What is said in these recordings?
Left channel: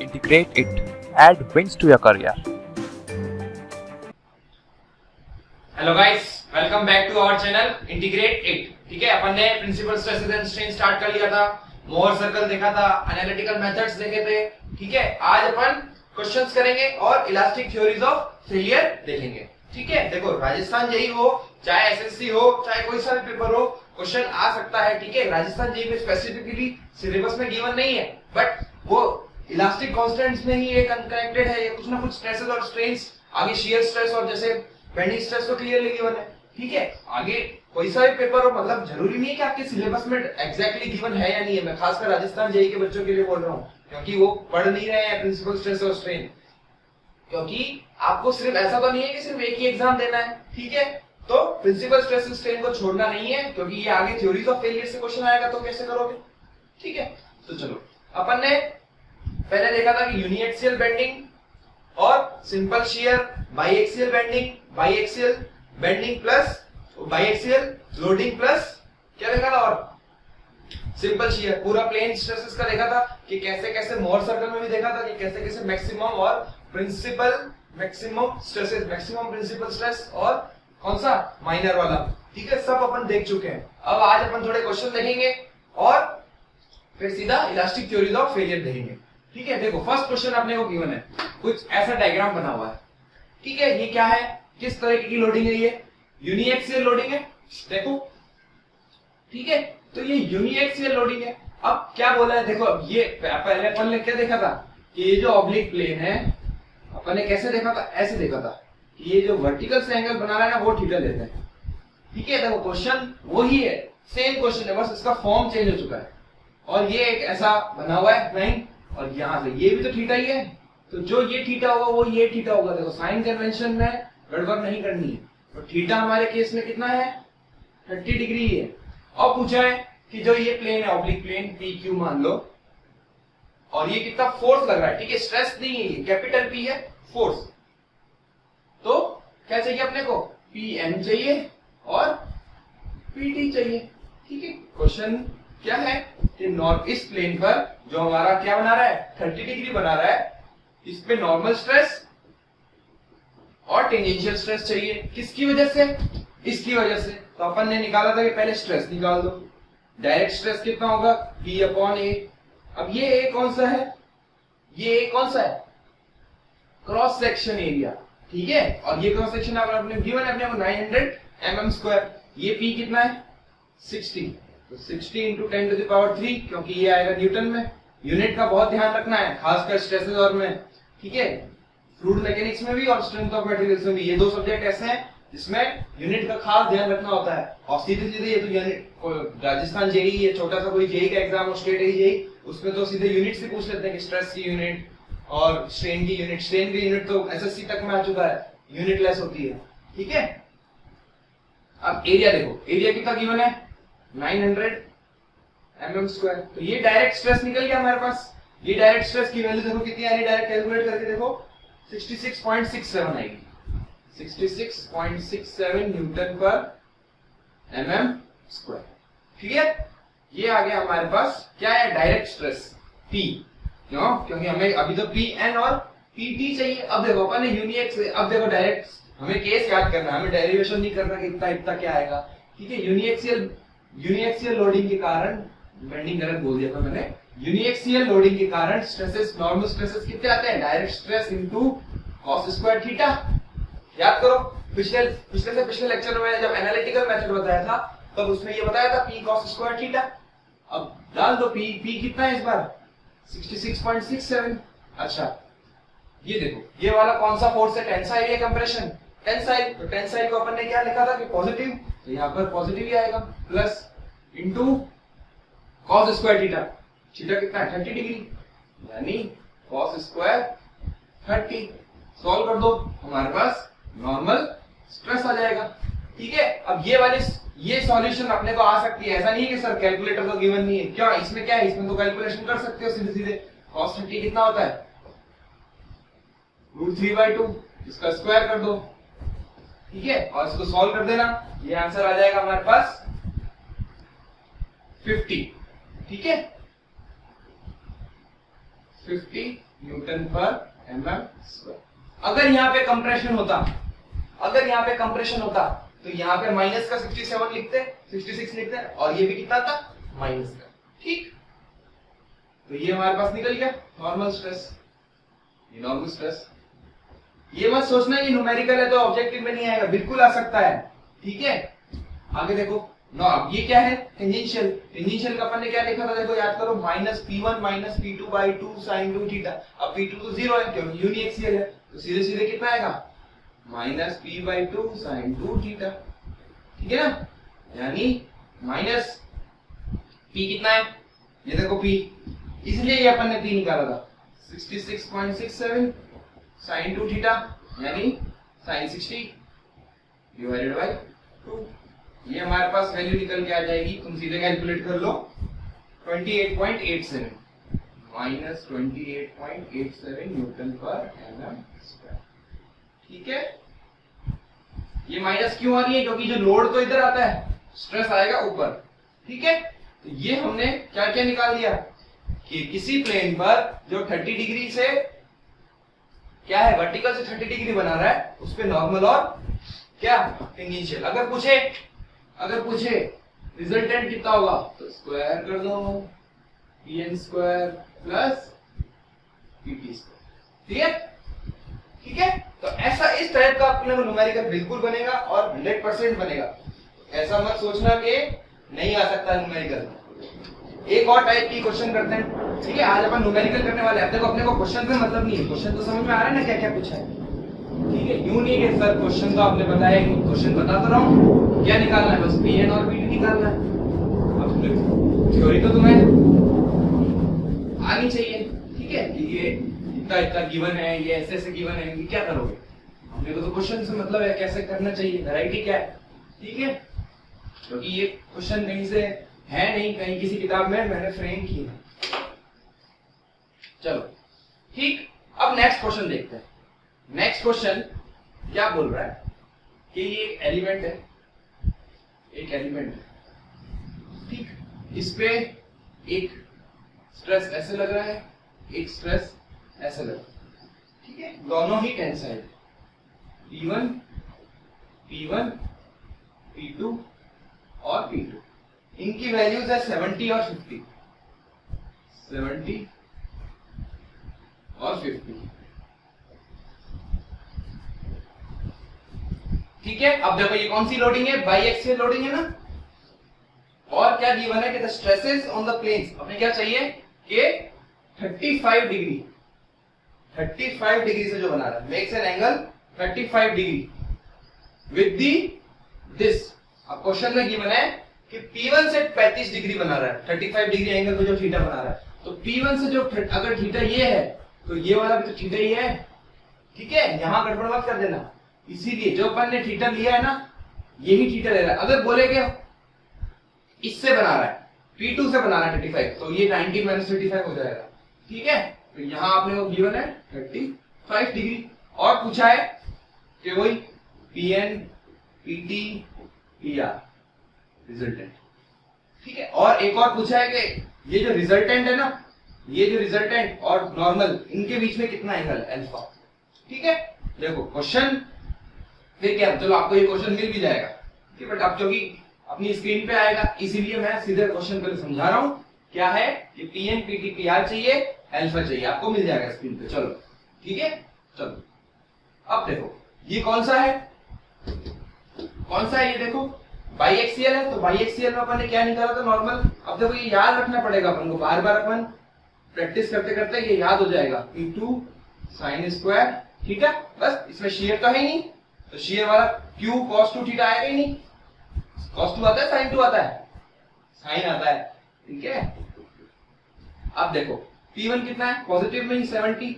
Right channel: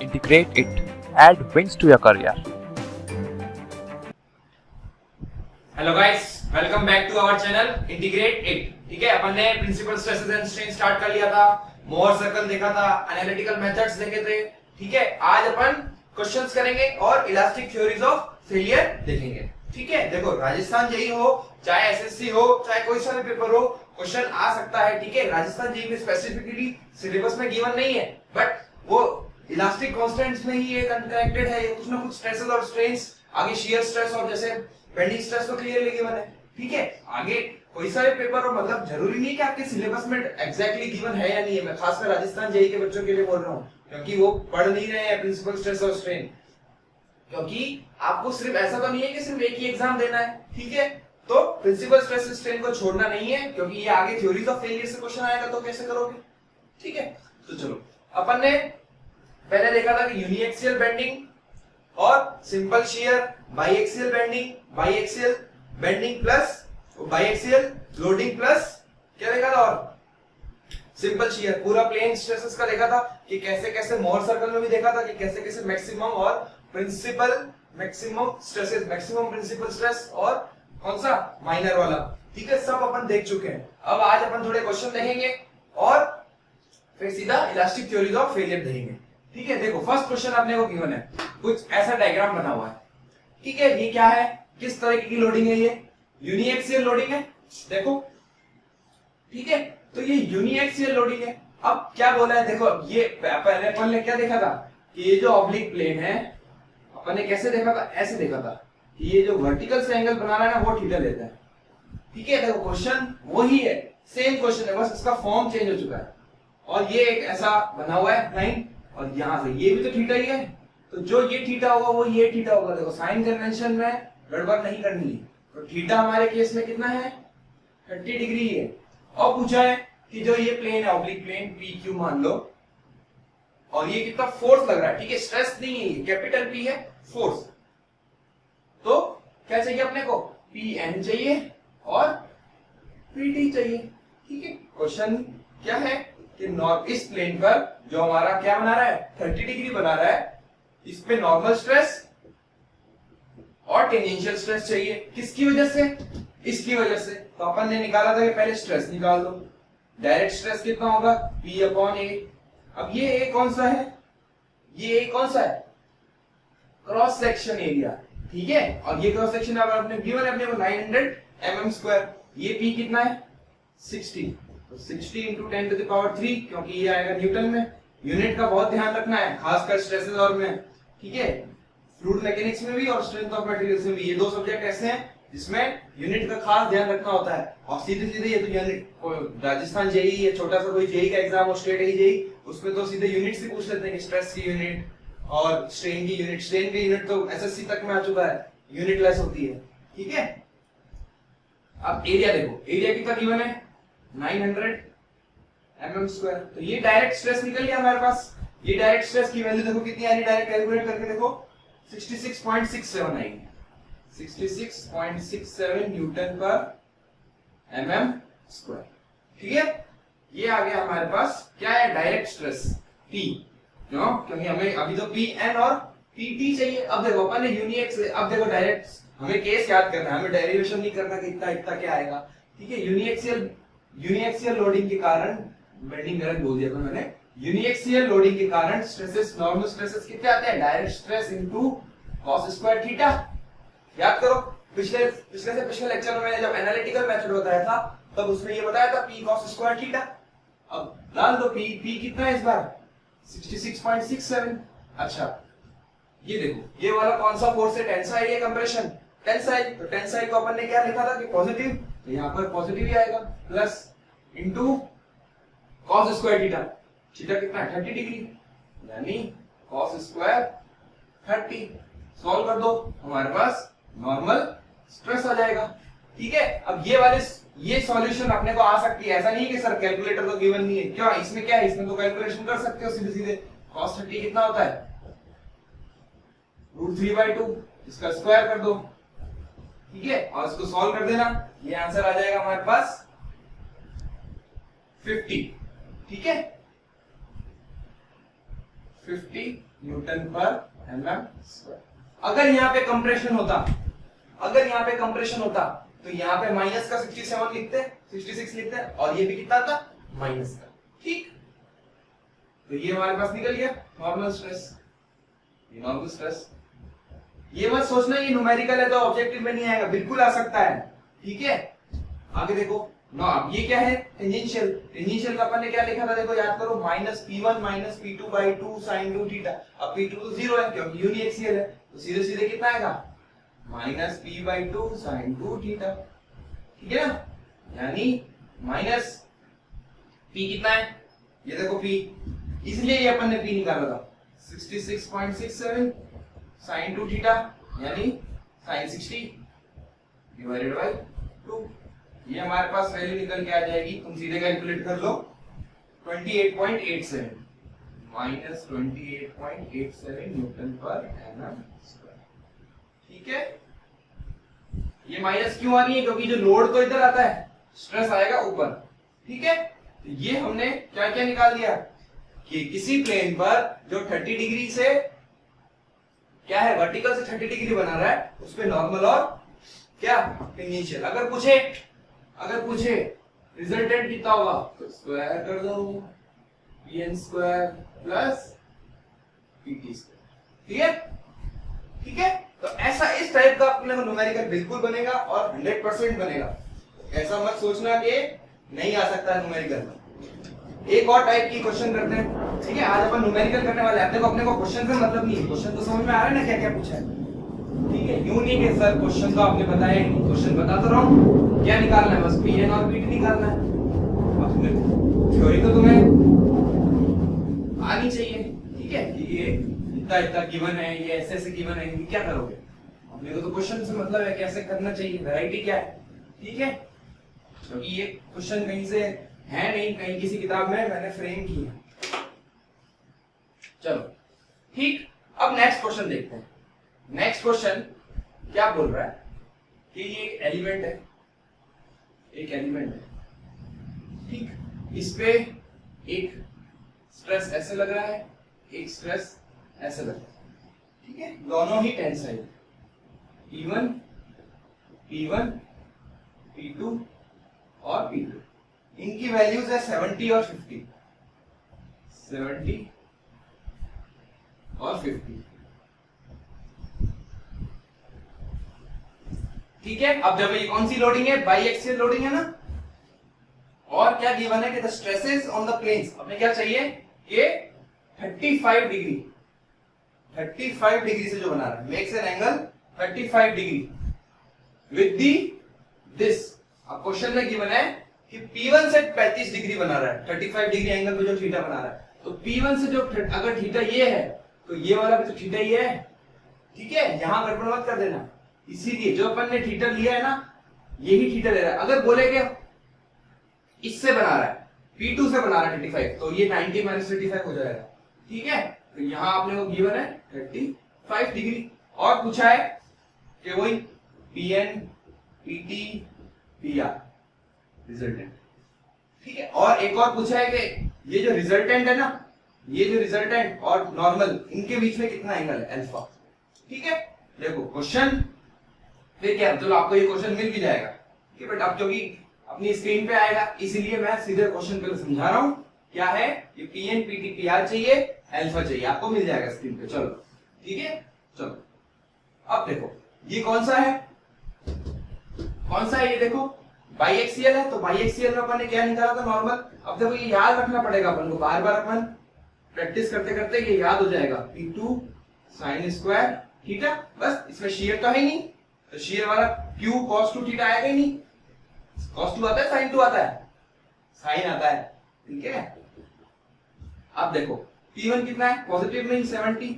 integrate it, add wins to your career. Hello guys, welcome back to our channel integrate it. ठीक है, अपन ने principal stresses and strain start कर लिया था, मोहर सर्कल देखा था, एनालिटिकल मेथड्स देखे थे। ठीक है, आज अपन क्वेश्चंस करेंगे और इलास्टिक थ्योरीज ऑफ फेलियर देखेंगे। ठीक है, देखो राजस्थान जेईई हो, चाहे एसएससी हो, चाहे कोई सा भी पेपर हो, क्वेश्चन आ सकता है। ठीक है, राजस्थान जेईई में स्पेसिफिकली सिलेबस में गिवन नहीं है, बट वो इलास्टिक कांस्टेंट्स में ही ये कनेक्टेड है, ये कुछ ना कुछ स्ट्रेसेस और स्ट्रेन्स, आगे शियर स्ट्रेस और जैसे बेंडिंग स्ट्रेस तो क्लियरली गिवन है। ठीक है, आगे कोई सा भी पेपर हो, मतलब जरूरी नहीं कि आपके सिलेबस में एग्जैक्टली गिवन है या नहीं है। मैं खासकर राजस्थान जेईई के बच्चों के लिए बोल रहा हूँ, क्योंकि वो पढ़ नहीं रहे हैं प्रिंसिपल स्ट्रेस और स्ट्रेन। क्योंकि आपको सिर्फ ऐसा तो नहीं है कि सिर्फ एक ही एग्जाम देना है। ठीक है, तो प्रिंसिपल स्ट्रेस और स्ट्रेन को छोड़ना नहीं है, क्योंकि ये आगे थ्योरीज ऑफ फेलियर से क्वेश्चन आएगा, तो कैसे करोगे। ठीक है, तो चलो अपन ने पहले देखा था कि यूनिएक्सियल बेंडिंग और simple shear, biaxial bending, biaxial bending plus biaxial loading plus क्या देखा था, और सिंपल शियर। पूरा प्लेन स्ट्रेसेस का देखा था कि कैसे कैसे मोहर सर्कल में भी देखा था कि कैसे कैसे मैक्सिमम और principal maximum stresses, maximum principal stress और कौन सा माइनर वाला। ठीक है, सब अपन देख चुके हैं। अब आज अपन थोड़े क्वेश्चन देखेंगे और फिर सीधा इलास्टिक थ्योरीज ऑफ फेलियर देखेंगे। ठीक है, देखो फर्स्ट क्वेश्चन आपने को गिवन है, कुछ ऐसा डायग्राम बना हुआ है। ठीक है, ये क्या है, किस तरह की लोडिंग है, ये यूनिएक्सियल लोडिंग है। देखो, ठीक है, तो ये यूनिएक्सियल लोडिंग है। अब क्या बोला है, देखो ये पहले अपन ने क्या देखा था कि ये जो ऑब्लिक प्लेन है, अपन ने कैसे देखा था, ऐसे देखा था कि ये जो वर्टिकल से एंगल बना रहा है ना, वो थीटा लेता है। ठीक है, देखो क्वेश्चन वही है, सेम क्वेश्चन है, बस इसका फॉर्म चेंज हो चुका है। और ये एक ऐसा बना हुआ है लाइन, और यहां से ये भी तो थीटा ही है, तो जो ये थीटा होगा वो ये थीटा होगा। देखो साइन कन्वेंशन में गड़बड़ नहीं करनी है, तो थीटा हमारे केस में कितना है, 30 डिग्री है। और पूछा है कि जो ये प्लेन है ऑब्लिक प्लेन पी क्यू मान लो, और ये कितना फोर्स लग रहा है। ठीक है, स्ट्रेस नहीं है, ये कैपिटल पी है, फोर्स। तो क्या चाहिए अपने को, पी एन चाहिए और पी टी चाहिए। ठीक है, क्वेश्चन क्या है कि इस प्लेन पर जो हमारा क्या बना रहा है, 30 डिग्री बना रहा है, इस पे नॉर्मल स्ट्रेस और टेंजेंशियल स्ट्रेस चाहिए। किसकी वजह से, इसकी वजह से। तो अपन ने निकाला था कि पहले स्ट्रेस निकाल दो। डायरेक्ट स्ट्रेस कितना होगा, P अपॉन ए। अब ये ए कौन सा है, ये ए कौन सा है, क्रॉस सेक्शन एरिया। ठीक है, और ये क्रॉस सेक्शन अगर आपने गिवन है अपने को 900 mm स्क्वायर। ये P कितना है, 60, तो 60 इंटू 10 टू द पावर 3, क्योंकि ये आएगा न्यूटन में। यूनिट का बहुत ध्यान रखना है, खासकर स्ट्रेसेस और में। ठीक है, फ्लूइड मैकेनिक्स में भी और स्ट्रेंथ ऑफ मटेरियल्स में भी, ये दो सब्जेक्ट ऐसे हैं जिसमें यूनिट का खास ध्यान रखना होता है। और सीधे सीधे ये तो यूनिट, राजस्थान जेईई, ये छोटा सा कोई जेईई का एग्जाम हो, स्टेट जेईई, उसमें तो सीधे यूनिट से पूछ लेते हैं कि स्ट्रेस की यूनिट और स्ट्रेन की यूनिट। स्ट्रेन की यूनिट तो एसएससी तक में आ चुका है, यूनिट लेस होती है। ठीक है, अब एरिया देखो, एरिया कितना गिवन है, 900 mm स्क्वायर। तो ये डायरेक्ट स्ट्रेस निकल गया हमारे पास। ये डायरेक्ट स्ट्रेस की वैल्यू देखो कितनी आ रही है, डायरेक्ट कैलकुलेट करके देखो 66.67 आएगी, 66.67 न्यूटन पर mm स्क्वायर। ठीक है, ये आ गया हमारे पास, क्या है, डायरेक्ट स्ट्रेस P। क्यों, क्योंकि हमें अभी तो Pn और Pt चाहिए। अब देखो अपन ने यूनिएक्स, अब देखो डायरेक्ट हमें केस याद करना है, हमें डेरिवेशन नहीं करना कि इतना इतना क्या आएगा। ठीक है, यूनिएक्सियल लोडिंग के कारण, बेंडिंग गलत बोल दिया मैंने, यूनिएक्सियल लोडिंग के कारण स्ट्रेसेस, नॉर्मल स्ट्रेसेस कितने आते हैं, direct stress into cos square theta. याद करो, पिछले लेक्चर में जब एनालिटिकल मेथड बताया था, तब उसमें ये बताया था P cos स्क्वायर थीटा। अब डाल दो P कितना है इस बार, 66.67। अच्छा, ये देखो, ये वाला कौन सा फोर्स है, टेंसाइल या कंप्रेशन, टेंसाइल। तो टेंसाइल को अपन ने क्या लिखा था कि पॉजिटिव, तो यहाँ पर पॉजिटिव ही आएगा, plus into cos square theta. Theta कितना है, 30 डिग्री, यानी cos स्क्वायर 30। सॉल्व कर दो, हमारे पास नॉर्मल स्ट्रेस आ जाएगा। ठीक है, अब ये सॉल्यूशन अपने को आ सकती है, ऐसा नहीं है कि सर कैलकुलेटर तो गिवन नहीं है। क्यों, इसमें क्या है, इसमें तो कैलकुलेशन कर सकते हो सीधे सीधे। cos 30 कितना होता है, √3/2, इसका स्क्वायर कर दो। ठीक है, और इसको सॉल्व कर देना, ये आंसर आ जाएगा हमारे पास 50। ठीक है, 50 न्यूटन पर mm स्क्वायर। अगर यहाँ पे कंप्रेशन होता तो यहाँ पे माइनस का 67 लिखते, 66 लिखते, और ये भी कितना था, माइनस का। ठीक, तो ये हमारे पास निकल गया नॉर्मल स्ट्रेस। ये नॉर्मल स्ट्रेस, ये मत सोचना ये न्यूमेरिकल है तो ऑब्जेक्टिव में नहीं आएगा, बिल्कुल आ सकता है। ठीक है, आगे देखो ना, अब ये क्या है, टेंजेंशियल। टेंजेंशियल का अपन ने क्या लिखा था, देखो याद करो, minus P1 minus P2 by 2 sine 2 theta. अब P2 तो 0 है क्योंकि यूनिएक्सियल है, तो सीधे सीधे कितना आएगा, minus P by 2 sine 2 theta. ठीक है ना, यानी माइनस P कितना है, ये देखो P, इसलिए ये अपन ने P निकाला था 66.67 साइन 2 थीटा, यानी साइन 60 डिवाइडेड बाई 2। ये हमारे पास वैल्यू निकल के आ जाएगी, तुम सीधे कैलकुलेट कर लो, 28.87 माइनस 28.87 न्यूटन पर एम स्क्वायर। ठीक है, ये माइनस क्यों आ रही है, क्योंकि जो लोड तो इधर आता है, स्ट्रेस आएगा ऊपर। ठीक है, तो ये हमने क्या क्या निकाल दिया कि किसी प्लेन पर जो 30 डिग्री से क्या है, वर्टिकल से 30 डिग्री बना रहा है, उस पे नॉर्मल और क्या टेंजेंशियल। अगर पूछे रिजल्टेंट कितना होगा, तो स्क्वायर कर दो, pn square plus pt square. ठीक है, ठीक है, तो ऐसा इस टाइप का अपने को न्यूमेरिकल बिल्कुल बनेगा और 100% बनेगा। ऐसा मत सोचना कि नहीं आ सकता न्यूमेरिकल। एक और टाइप की क्वेश्चन करते हैं। ठीक है, आज अपन न्यूमेरिकल करने वाले हैं। अपने को क्वेश्चन से मतलब नहीं है, क्वेश्चन तो समझ में आ रहा है ना क्या क्या पूछा है। ठीक है, यूं नहीं कि सर क्वेश्चन तो आपने बताया ही नहीं, क्वेश्चन बता तो रहा हूं, क्या निकालना है, बस pn और pt निकालना है। अब थ्योरी तो तुम्हें आनी चाहिए। ठीक है, कि ये इतना इतना गिवन है, ये ऐसे ऐसे गिवन है, ये क्या करोगे। हमने को तो क्वेश्चन से मतलब है, कैसे करना चाहिए, वैरायटी क्या है। ठीक है, क्योंकि ये क्वेश्चन कहीं से है नहीं, कहीं किसी किताब में मैंने फ्रेम की है। चलो ठीक, अब नेक्स्ट क्वेश्चन देखते हैं। नेक्स्ट क्वेश्चन क्या बोल रहा है कि ये एक एलिमेंट है, एक एलिमेंट है। ठीक, इस पे एक स्ट्रेस ऐसे लग रहा है, एक स्ट्रेस ऐसे लग रहा है। ठीक है, दोनों ही टेंसाइल, P1 P2 और P2, इनकी वैल्यूज है 70 और 50, 70 और 50। ठीक है, अब देखो ये कौन सी लोडिंग है, बाईएक्सियल लोडिंग है ना। और क्या गिवन है कि the stresses on the planes, अपने क्या चाहिए कि 35 डिग्री से जो बना रहा है, makes an angle 35 degree with the this. अब क्वेश्चन में गिवन है कि P1 से 35 डिग्री बना रहा है, 35 डिग्री एंगल पे जो थीटा बना रहा है, तो P1 से जो अगर थीटा ये है तो ये वाला भी तो थीटा ही है। ठीक है, यहां गड़बड़ मत कर देना, इसीलिए जो अपन ने थीटा लिया है ना, यही थीटा ले रहा है। अगर बोले कि इससे बना रहा है, P2 से बना रहा है 35, तो ये 90 माइनस 35 हो जाएगा। ठीक है, तो यहां आपने को गिवन है 35 डिग्री, और पूछा है कि वही Pn Pt Pr रिजल्टेंट। ठीक है, और एक और पूछा है कि ये जो रिजल्टेंट है ना, ये जो रिजल्टेंट और नॉर्मल, इनके बीच में कितना एंगल है, अल्फा। ठीक है, देखो क्वेश्चन फिर क्या, चलो आपको ये क्वेश्चन मिल भी जाएगा। ठीक है, बट अब क्योंकि अपनी स्क्रीन पे आएगा, इसीलिए मैं सीधे क्वेश्चन पहले समझा रहा हूं। क्या है कि Pn Pt Pr चाहिए, अल्फा चाहिए, आपको मिल जाएगा स्क्रीन पे। चलो ठीक है, चलो अब देखो ये कौन सा है, कौन सा है, ये देखो बाईएक्सियल है, तो बाईएक्सियल में अपन ने क्या निकाला था, नॉर्मल। अब देखो ये याद रखना पड़ेगा अपन को, बार बार अपन प्रैक्टिस करते करते ये याद हो जाएगा, P2 साइन स्क्वायर थीटा। बस इसमें शेयर तो है ही नहीं, तो शेयर वाला Q cos 2 थीटा आएगा ही नहीं। cos 2 आता है, sin 2 आता है, साइन आता है। ठीक है, अब देखो P1 कितना है, पॉजिटिव में 70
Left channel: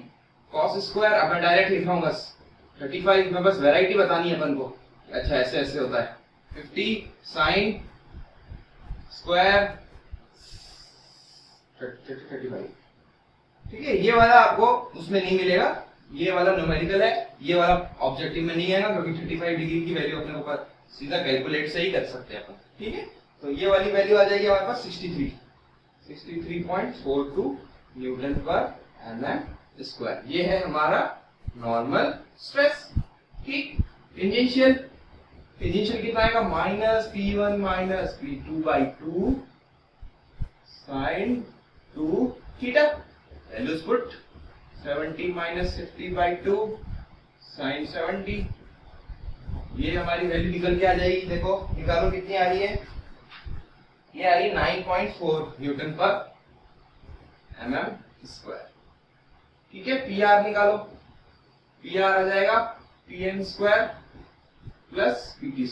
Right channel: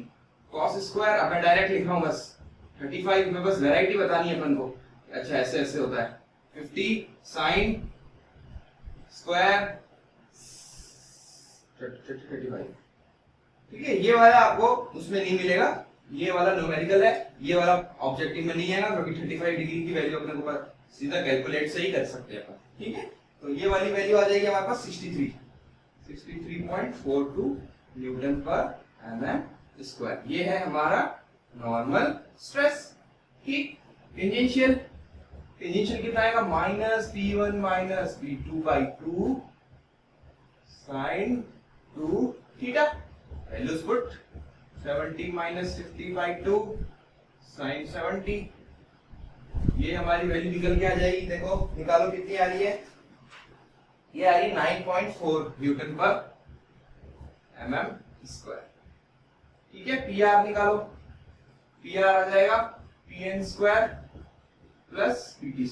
cos स्क्वायर, अब मैं डायरेक्ट लिख रहा हूं बस 35 में, बस वैरायटी बतानी है अपन को। अच्छा ऐसे ऐसे होता है, 50 साइन स्क्वायर 35। ठीक है, ये वाला आपको उसमें नहीं मिलेगा, ये वाला न्यूमेरिकल है, ये वाला ऑब्जेक्टिव में नहीं आएगा, क्योंकि 35 डिग्री की वैल्यू अपने को सीधा कैलकुलेट से ही कर सकते हैं अपन। ठीक है, तो ये वाली वैल्यू आ जाएगी हमारे पास 63.42 न्यूटन पर mm²। ये है हमारा नॉर्मल स्ट्रेस। ठीक, टेंजेंशियल कितना आएगा? -P1 - P2/2 sin 2 theta. Values put 70 - 50/2 sin 70। ये हमारी वैल्यू निकल के आ जाएगी। देखो निकालो कितनी आ रही है। ये आ रही 9.4 न्यूटन पर mm²। ठीक है, PR निकालो। PR आ जाएगा Pn² प्लस PT²।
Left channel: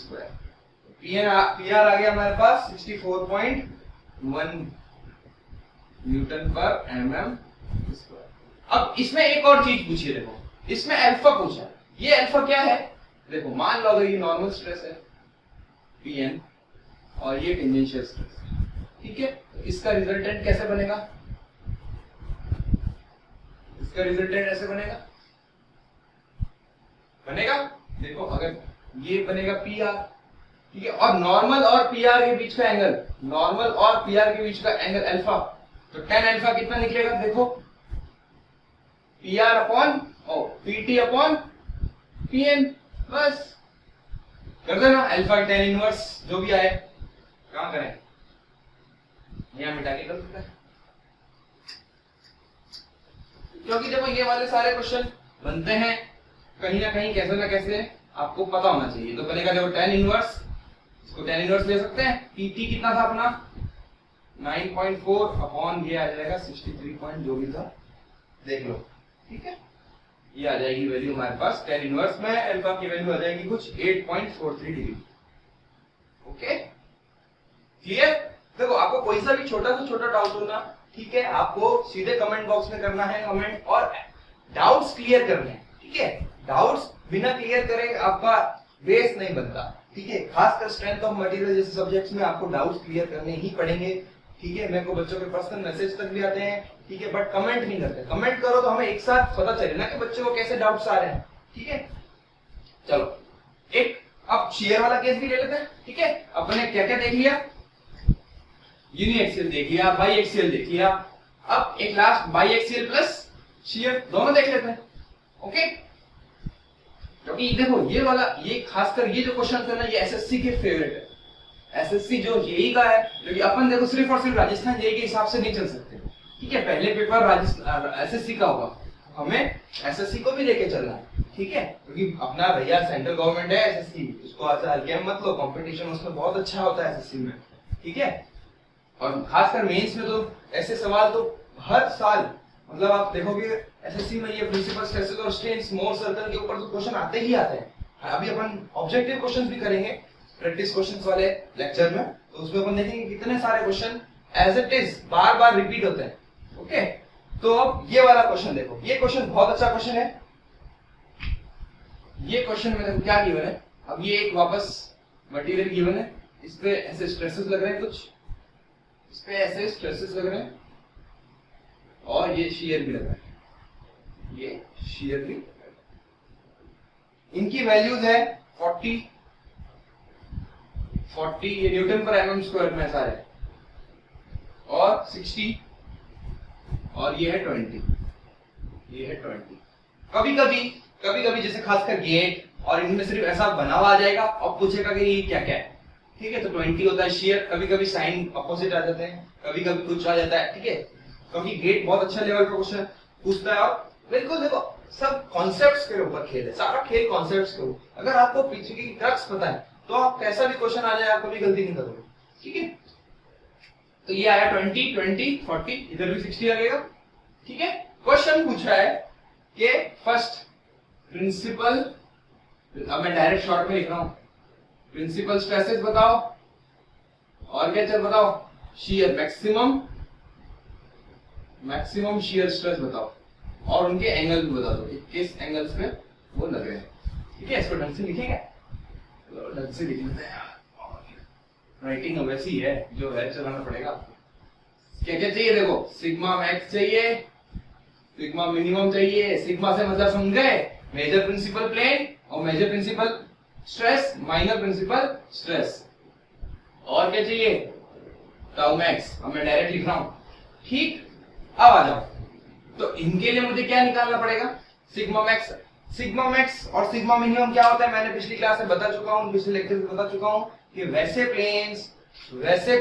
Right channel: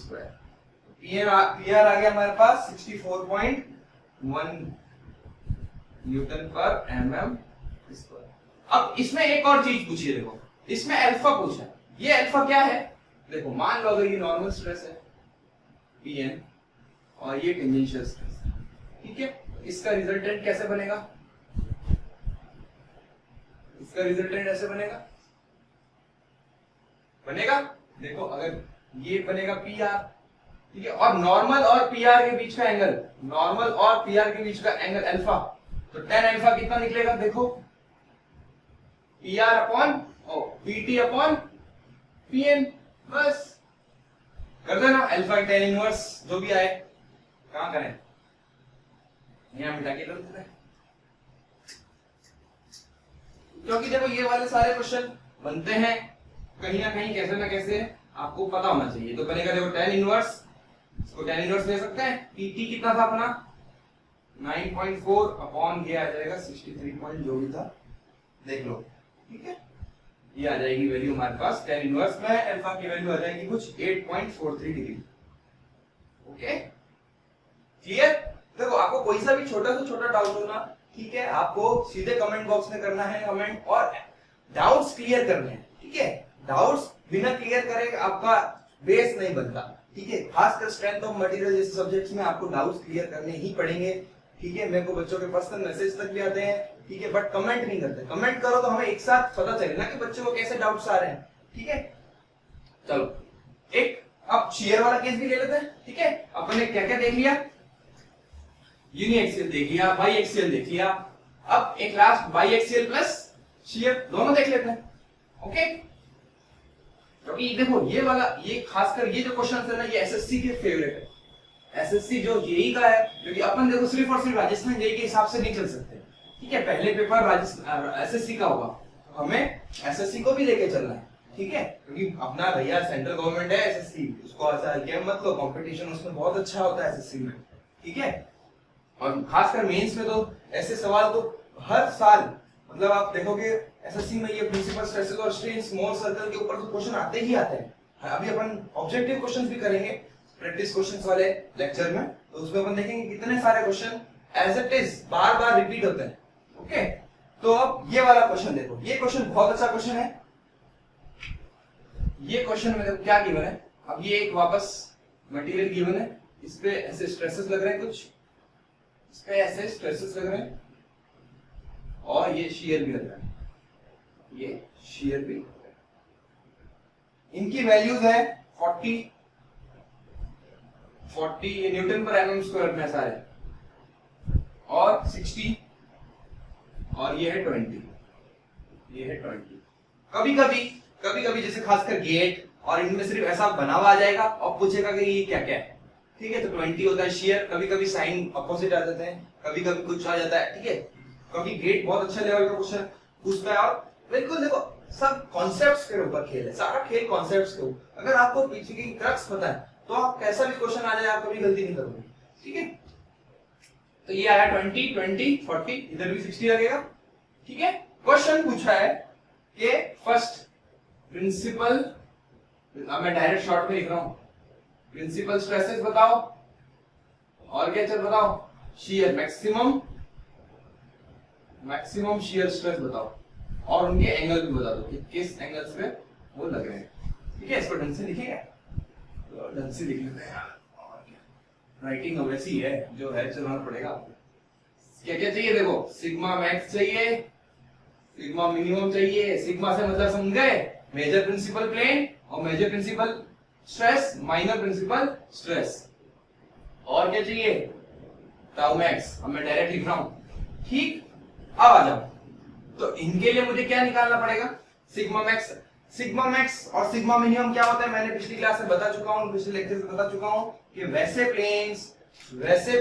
PR आ गया हमारे पास 64.1 न्यूटन पर mm²। अब इसमें एक और चीज पूछिए। देखो इसमें अल्फा पूछा। ये अल्फा क्या है? देखो मान लो अगर ये नॉर्मल स्ट्रेस है Pn और ये टेंजेंशियल स्ट्रेस है, ठीक है, तो इसका रिजल्टेंट कैसे बनेगा? इसका रिजल्टेंट ऐसे बनेगा। देखो अगर ये बनेगा PR, ठीक है, और नॉर्मल और PR के बीच का एंगल, नॉर्मल और PR के बीच का एंगल अल्फा, तो tan अल्फा कितना निकलेगा? देखो PR upon PT upon Pn, बस कर देना। अल्फा tan इनवर्स जो भी आए, कहां करें? यहां मिटा के कर देते हैं, क्योंकि देखो ये वाले सारे क्वेश्चन बनते हैं कहीं ना कहीं, कैसे ना कैसे आपको पता होना चाहिए। तो बनेगा देखो tan इनवर्स, इसको tan इनवर्स ले सकते हैं। PT कितना था अपना? 9.4 अपॉन ये आ जाएगा 63 पॉइंट जो भी था, देख लो, ठीक है। ये आ जाएगी वैल्यू हमारे पास tan इनवर्स में अल्फा की वैल्यू आ जाएगी कुछ 8.43 डिग्री। Okay, clear? देखो आपको कोई सा भी छोटा से छोटा डाउट हो ना, ठीक है, आपको सीधे कमेंट बॉक्स में करना है कमेंट, और डाउट्स क्लियर करने हैं, ठीक है। डाउट्स बिना क्लियर करे आपका बेस नहीं बनता, ठीक है। खासकर स्ट्रेंथ ऑफ मटेरियल जैसे सब्जेक्ट्स में आपको डाउट्स क्लियर करने ही पड़ेंगे, ठीक है। मेरे को बच्चों के पर्सनल मैसेज तक भी आते हैं, ठीक है, बट कमेंट नहीं करते। कमेंट करो तो हमें एक साथ पता चले ना कि बच्चों को कैसे डाउट्स आ रहे हैं, ठीक है। चलो एक अब शेयर वाला केस भी ले लेते हैं, ठीक है। अपने क्या क्या देख लिया? यूनिएक्सियल देख लिया, बाई एक्सियल देख लिया, अब एक last by axial plus share दोनों देख लेते हैं। ओके, क्योंकि देखो ये वाला, ये खासकर ये जो क्वेश्चन है ना, ये एसएससी के फेवरेट है। एसएससी जो जेई का है, क्योंकि अपन देखो सिर्फ और सिर्फ राजस्थान जेई के हिसाब से नहीं चल सकते, ठीक है। पहले पेपर राजस्थान एसएससी का होगा, हमें एसएससी को भी लेके चलना है, ठीक है, क्योंकि अपना भैया सेंट्रल गवर्नमेंट है एसएससी, उसको ऐसा गेम मत लो, कंपटीशन उसमें बहुत अच्छा होता है एसएससी में, ठीक है। और खासकर मेंस में तो ऐसे सवाल तो हर साल, मतलब आप देखोगे एसएससी में ये प्रिंसिपल स्ट्रेसेस और स्ट्रेन्स मोर सर्कल के ऊपर तो क्वेश्चन आते ही आते हैं। अभी अपन ऑब्जेक्टिव क्वेश्चंस भी करेंगे प्रैक्टिस क्वेश्चंस वाले लेक्चर में, तो उसमें अपन देखेंगे कितने सारे क्वेश्चन एज इट इज बार बार रिपीट होते हैं। ओके, तो अब ये वाला क्वेश्चन देखो, ये क्वेश्चन बहुत अच्छा क्वेश्चन है। ये क्वेश्चन में देखो क्या गिवन है। अब ये एक वापस मटेरियल गिवन है, इस पे ऐसे स्ट्रेसेस लग रहे हैं, कुछ इस पे ऐसे स्ट्रेसेस लग रहे हैं, और ये शियर भी लग रहा है, ये शियर भी लग रहा है। इनकी वैल्यूज है 40 ये न्यूटन पर एमएम स्क्वायर में सारे, और 60, और ये है 20, ये है 20। कभी कभी जैसे खासकर गेट और इनमें सिर्फ ऐसा बना हुआ आ जाएगा और पूछेगा कि ये क्या क्या है, ठीक है, तो 20 होता है शेयर। कभी कभी साइन अपोजिट आ जाते हैं, कभी कभी कुछ आ जाता है, ठीक है। क्योंकि गेट बहुत अच्छा लेवल का क्वेश्चन पूछता है, और बिल्कुल देखो सब कॉन्सेप्ट्स के ऊपर खेल है, सारा खेल कॉन्सेप्ट्स के ऊपर। अगर आपको पीछे की क्रक्स पता है तो आप कैसा भी क्वेश्चन आ जाए आप कभी गलती नहीं करोगे, ठीक है। तो ये आया 20, 40, इधर भी 60 लगेगा, ठीक है। क्वेश्चन पूछा है कि फर्स्ट प्रिंसिपल, अब मैं डायरेक्ट शॉर्ट में लिख रहा हूं, प्रिंसिपल स्ट्रेसेस बताओ, और क्या चल बताओ, शियर मैक्सिमम शियर स्ट्रेस बताओ, और उनके एंगल भी बता दो कि किस एंगल्स पे वो लग रहे हैं, ठीक है। इसको ढंग से लिखेंगे, ढंग से लिख लेते हैं, राइटिंग वैसी है जो है, चलाना पड़ेगा आपको। क्या क्या चाहिए देखो, सिग्मा मैक्स चाहिए, सिग्मा मिनिमम चाहिए। सिग्मा से मतलब समझ गए, मेजर प्रिंसिपल प्लेन और major principal stress, minor principal stress. और क्या चाहिए, टाउ मैक्स। अब मैं डायरेक्ट लिख रहा हूं, ठीक। अब आ जाओ, तो इनके लिए मुझे क्या निकालना पड़ेगा, सिग्मा मैक्स। सिग्मा मैक्स और सिग्मा मिनिमम क्या होता है मैंने पिछली क्लास में बता चुका हूं, पिछले लेक्चर में बता चुका हूं कि वैसे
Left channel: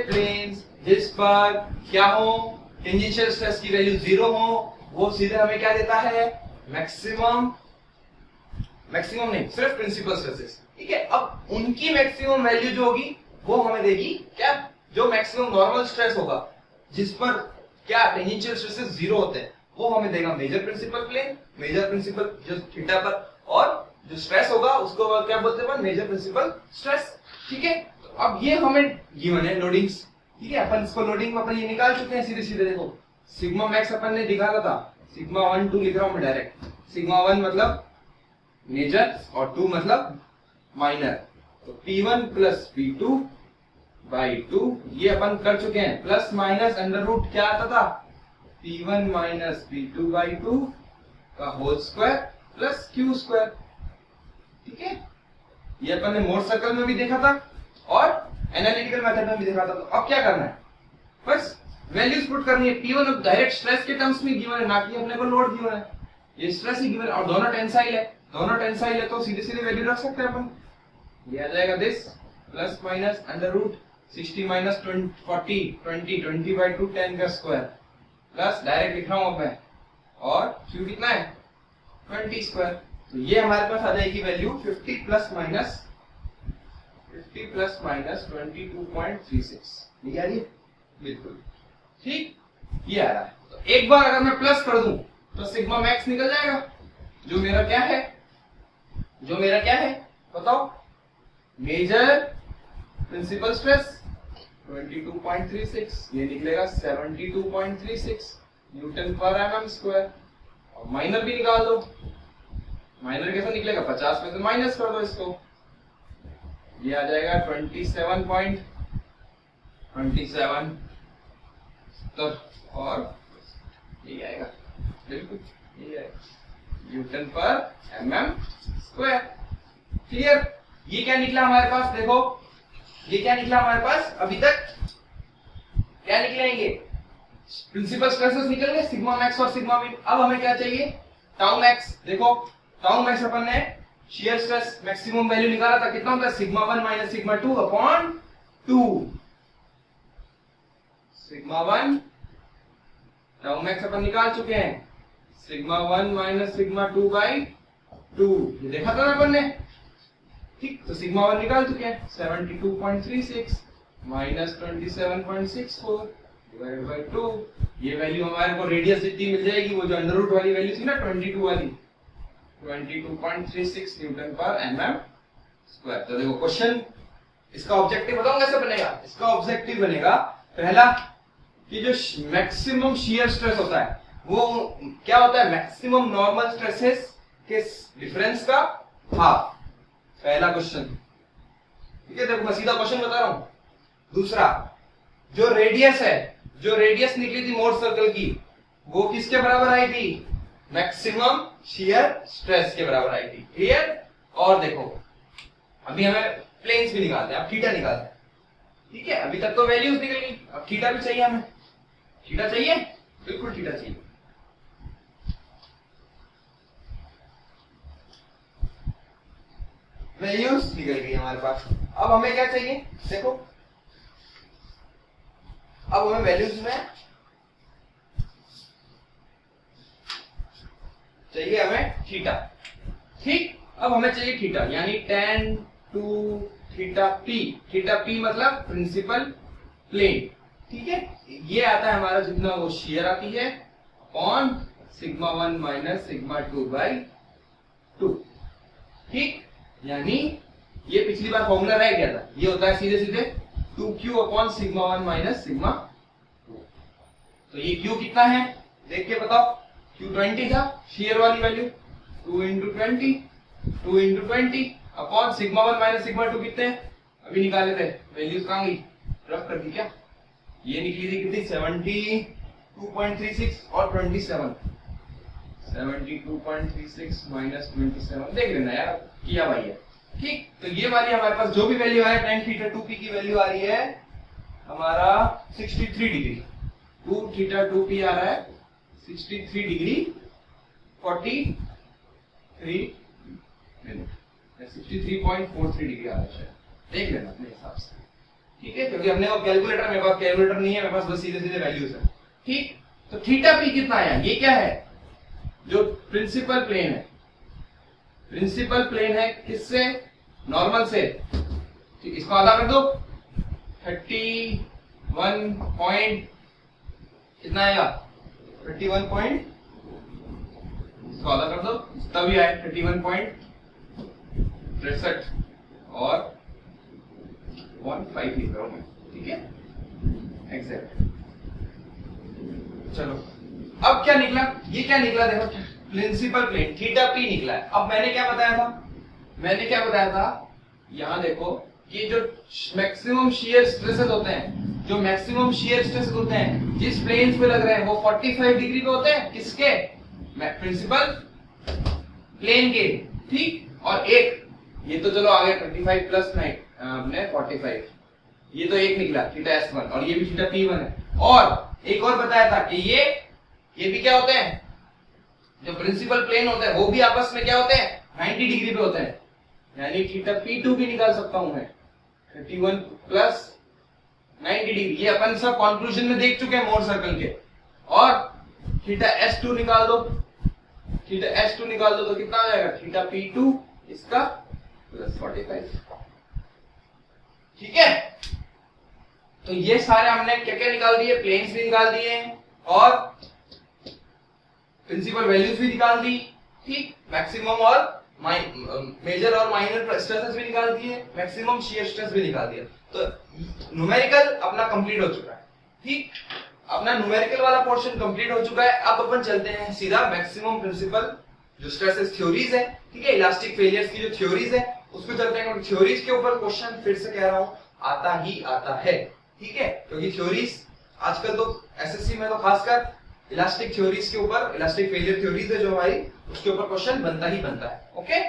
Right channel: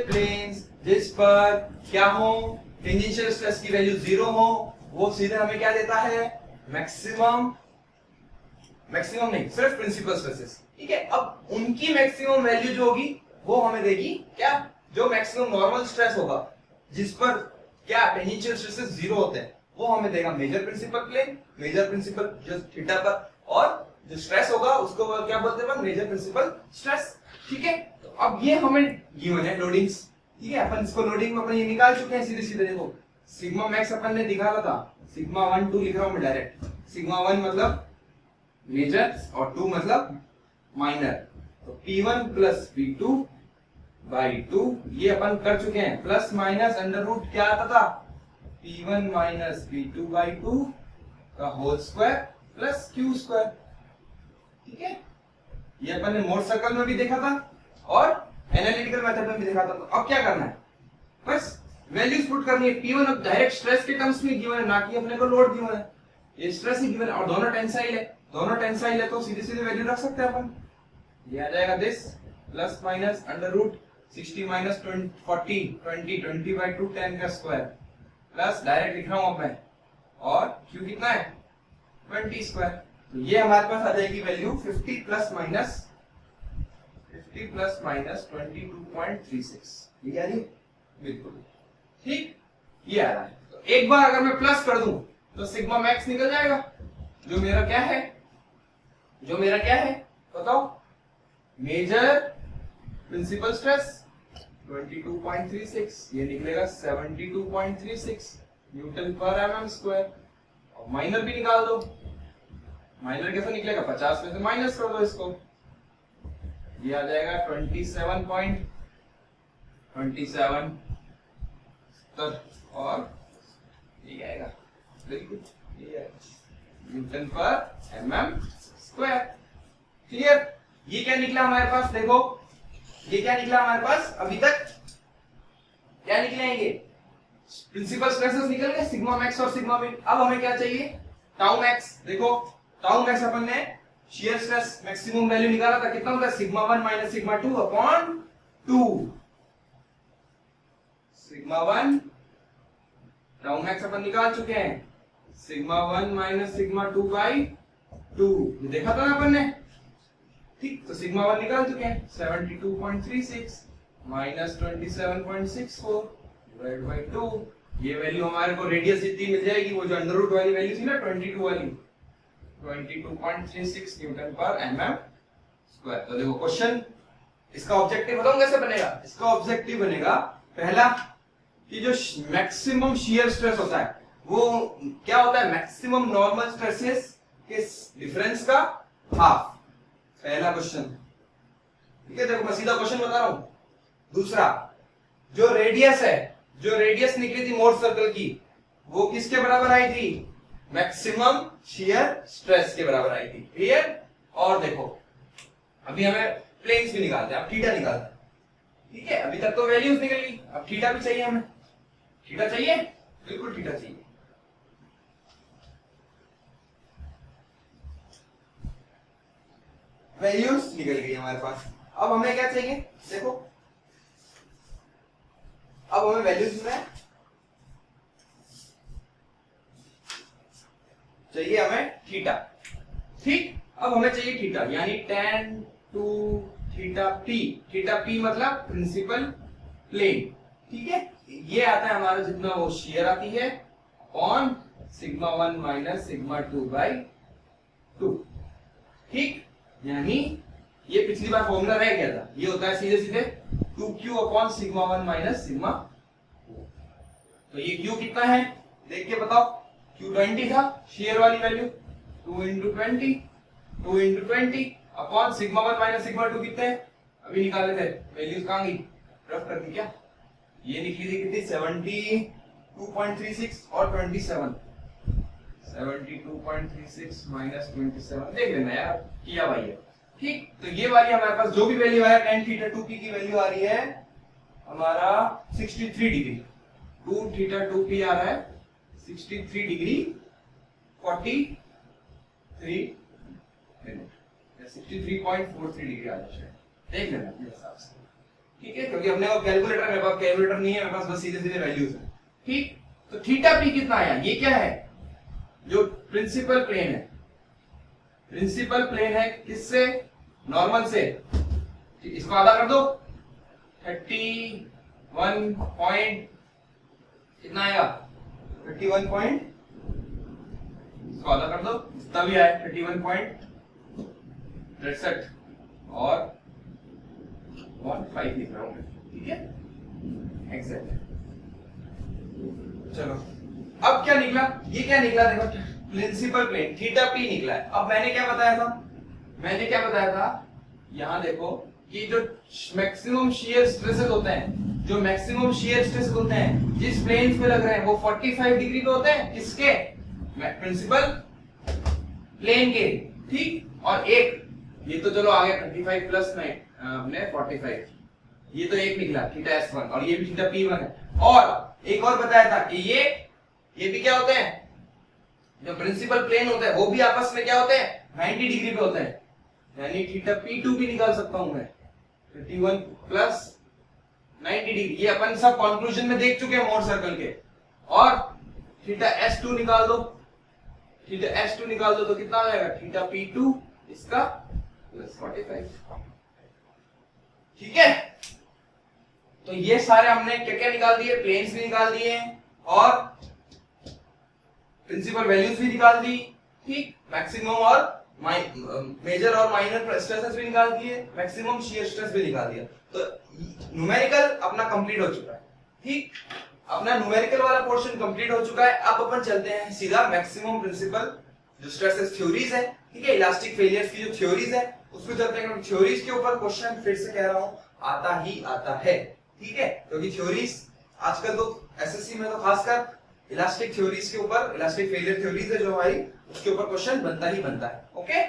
प्लेन्स जिस पर क्या हो, टेंजेंशियल स्ट्रेस की वैल्यू 0 हो, वो सीधे हमें क्या देता है, मैक्सिमम नहीं, सिर्फ प्रिंसिपल स्ट्रेसेस। ठीक है, अब उनकी मैक्सिमम वैल्यू जो होगी वो हमें देगी क्या, जो मैक्सिमम नॉर्मल स्ट्रेस होगा जिस पर क्या टेंजेंशियल स्ट्रेसेस 0 होते हैं, वो हमें देगा major principal plane, major principal जो थीटा पर, और जो स्ट्रेस होगा उसको क्या बोलते हैं, मेजर प्रिंसिपल स्ट्रेस। ठीक है, तो अब ये हमें गिवन है लोडिंग्स। ठीक है, अपन इसको लोडिंग में अपन ये निकाल चुके हैं सीधे सीधे। देखो सिग्मा मैक्स अपन ने दिखाया था, सिग्मा 1 2 लिख रहा हूं मैं डायरेक्ट। सिग्मा 1 मतलब मेजर और 2 मतलब माइनर, तो P1 प्लस P2 बाई 2 ये अपन कर चुके हैं, प्लस माइनस अंडर रूट क्या आता था, P1 माइनस P2 बाई 2 का whole square plus Q square. ठीक है, ये अपन ने मोर सर्कल में भी देखा था और एनालिटिकल मेथड में भी देखा था। तो अब क्या करना है, बस वैल्यूज पुट करनी है। P1 अब डायरेक्ट स्ट्रेस के टर्म्स में गिवन है, ना कि अपने को लोड गिवन है, ये स्ट्रेस ही गिवन है, और दोनों टेंसाइल है, तो सीधे सीधे वैल्यू रख सकते हैं अपन। ये आ जाएगा this plus minus under root 60 minus 20 by 2 10 का स्क्वायर प्लस डायरेक्ट लिख रहा हूं मैं, और Q कितना है 20 स्क्वायर। तो ये हमारे पास आ जाएगी वैल्यू 50 प्लस माइनस 22.36। ये आ रही है बिल्कुल ठीक, ये आ रहा है। तो एक बार अगर मैं प्लस कर दूं तो सिग्मा मैक्स निकल जाएगा, जो मेरा क्या है बताओ, मेजर प्रिंसिपल स्ट्रेस 22.36, ये निकलेगा 72.36 न्यूटन पर एमएम स्क्वायर। और माइनर भी निकाल दो, माइनर कैसे निकलेगा, 50 में से माइनस कर दो इसको, ये आ जाएगा 27.27 और ये आएगा बिल्कुल, ये आएगा न्यूटन पर एमएम स्क्वायर। क्लियर, ये क्या निकला हमारे पास, देखो ये क्या निकला हमारे पास, अभी तक क्या निकलेंगे, प्रिंसिपल स्ट्रेसेस निकल गए, सिग्मा मैक्स और सिग्मा मिन। अब हमें क्या चाहिए, टाउ मैक्स। देखो टाउ मैक्स अपन ने शियर स्ट्रेस मैक्सिमम वैल्यू निकाला था, कितना होता है, sigma 1 minus sigma 2 upon 2। Sigma 1 tau max अपन निकाल चुके हैं, सिग्मा 1 माइनस सिग्मा 2 बाई 2, ये देखा था ना अपन ने। ठीक, तो सिग्मा 1 निकाल चुके हैं, 72.36 माइनस 27.64 डिवाइड बाई 2। ये वैल्यू हमारे को रेडियस जितनी मिल जाएगी, वो जो अंडर रूट वाली वैल्यू थी ना 22 वाली, 22.36 न्यूटन पर एमएम स्क्वायर। तो देखो क्वेश्चन, इसका ऑब्जेक्टिव बताऊं कैसे बनेगा। इसका ऑब्जेक्टिव बनेगा पहला कि जो मैक्सिमम शियर स्ट्रेस होता है वो क्या होता है, मैक्सिमम नॉर्मल स्ट्रेसेस के डिफरेंस का हाफ, पहला क्वेश्चन। ठीक है, देखो मैं सीधा क्वेश्चन बता रहा हूं। दूसरा, जो रेडियस है, जो रेडियस निकली थी मोर सर्कल की, वो किसके बराबर आई थी, मैक्सिमम शियर स्ट्रेस के बराबर आई थी। क्लियर, और देखो अभी हमें प्लेन्स भी निकालते हैं, अब थीटा निकालते हैं। ठीक है, अभी तक तो वैल्यूज निकल गई, अब थीटा भी चाहिए हमें। थीटा चाहिए, बिल्कुल थीटा चाहिए। वैल्यूज निकल गई हमारे पास, अब हमें क्या चाहिए, देखो अब हमें वैल्यूज में चाहिए हमें थीटा। ठीक, अब हमें चाहिए थीटा, यानी tan 2 theta p। Theta p मतलब प्रिंसिपल प्लेन। ठीक है, ये आता है हमारा जितना वो शियर आती है upon sigma 1 minus sigma 2 by 2। ठीक, यानी ये पिछली बार फॉर्मूला रह गया था, ये होता है सीधे सीधे 2q upon sigma 1 minus sigma 2। तो ये q कितना है देख के बताओ, q 20 था शियर वाली value, 2 into 20 upon sigma 1 minus sigma 2 कितने अभी निकाले थे, वैल्यूज कहां गई, रफ कर दी क्या, ये निकली थी कितनी 72.36 और 27, 72.36 माइनस 27, देख लेना यार किया भाई है। ठीक, तो ये वाली हमारे पास जो भी वैल्यू है tan थीटा 2p की वैल्यू आ रही है हमारा 63 डिग्री, 2 थीटा 2p आ रहा है 63 डिग्री 43 मिनट, 63.43 डिग्री आ रहा है, देख लेना अपने हिसाब से, ठीक है, क्योंकि हमने वो कैलकुलेटर, मेरे पास कैलकुलेटर नहीं है, मेरे पास बस सीधे सीधे वैल्यूज है, ठीक। तो थीटा पी कितना आया, ये क्या है, जो प्रिंसिपल प्लेन है, प्रिंसिपल प्लेन है किससे, नॉर्मल से, ठीक, इसको आधा कर दो, 31 पॉइंट कितना आएगा, 31 पॉइंट, इसको आधा कर दो तभी आए 31.63 और 1.5 लिख रहा हूं मैं, ठीक है, एग्जैक्ट। चलो अब क्या निकला, ये क्या निकला, देखो प्रिंसिपल प्लेन थीटा पी निकला है। अब मैंने क्या बताया था, यहां देखो कि जो मैक्सिमम शियर स्ट्रेसेस होते हैं, जो मैक्सिमम शियर स्ट्रेसेस होते हैं जिस प्लेन्स पे लग रहे हैं वो 45 डिग्री पे होते हैं, किसके, प्रिंसिपल प्लेन के, ठीक। और एक ये तो चलो आ गया 35 प्लस 9 अपने 45, ये तो एक निकला थीटा S1 और ये भी थीटा P1 है। और एक और बताया था कि ये भी क्या होते हैं, जो प्रिंसिपल प्लेन होते हैं वो भी आपस में क्या होते हैं, 90 डिग्री पे होते हैं, यानी थीटा P2 भी निकाल सकता हूं मैं, 31 प्लस 90 डिग्री, ये अपन सब कंक्लूजन में देख चुके हैं मोर सर्कल के। और थीटा S2 निकाल दो, तो कितना आ जाएगा, थीटा P2 इसका प्लस 45, ठीक है। तो ये सारे हमने क्या क्या निकाल दिए, प्लेन्स भी निकाल दिए और प्रिंसिपल वैल्यूज भी निकाल दी, ठीक, मैक्सिमम और मेजर और माइनर स्ट्रेसेस भी निकाल दिए, मैक्सिमम शियर स्ट्रेस भी निकाल दिया। तो न्यूमेरिकल अपना कंप्लीट हो चुका है, ठीक, अपना न्यूमेरिकल वाला पोर्शन कंप्लीट हो चुका है। अब अपन चलते हैं सीधा मैक्सिमम प्रिंसिपल जो स्ट्रेसेस थ्योरीज है, ठीक है, इलास्टिक फेलियर्स की जो थ्योरीज है उस पे चलते हैं। थ्योरीज के ऊपर क्वेश्चन फिर से कह रहा हूं आता ही आता है, ठीक है, क्योंकि थ्योरीज आजकल तो एसएससी में तो खासकर इलास्टिक थ्योरीज के ऊपर, इलास्टिक फेलियर थ्योरीज है जो हमारी, उसके ऊपर क्वेश्चन बनता ही बनता है, ओके।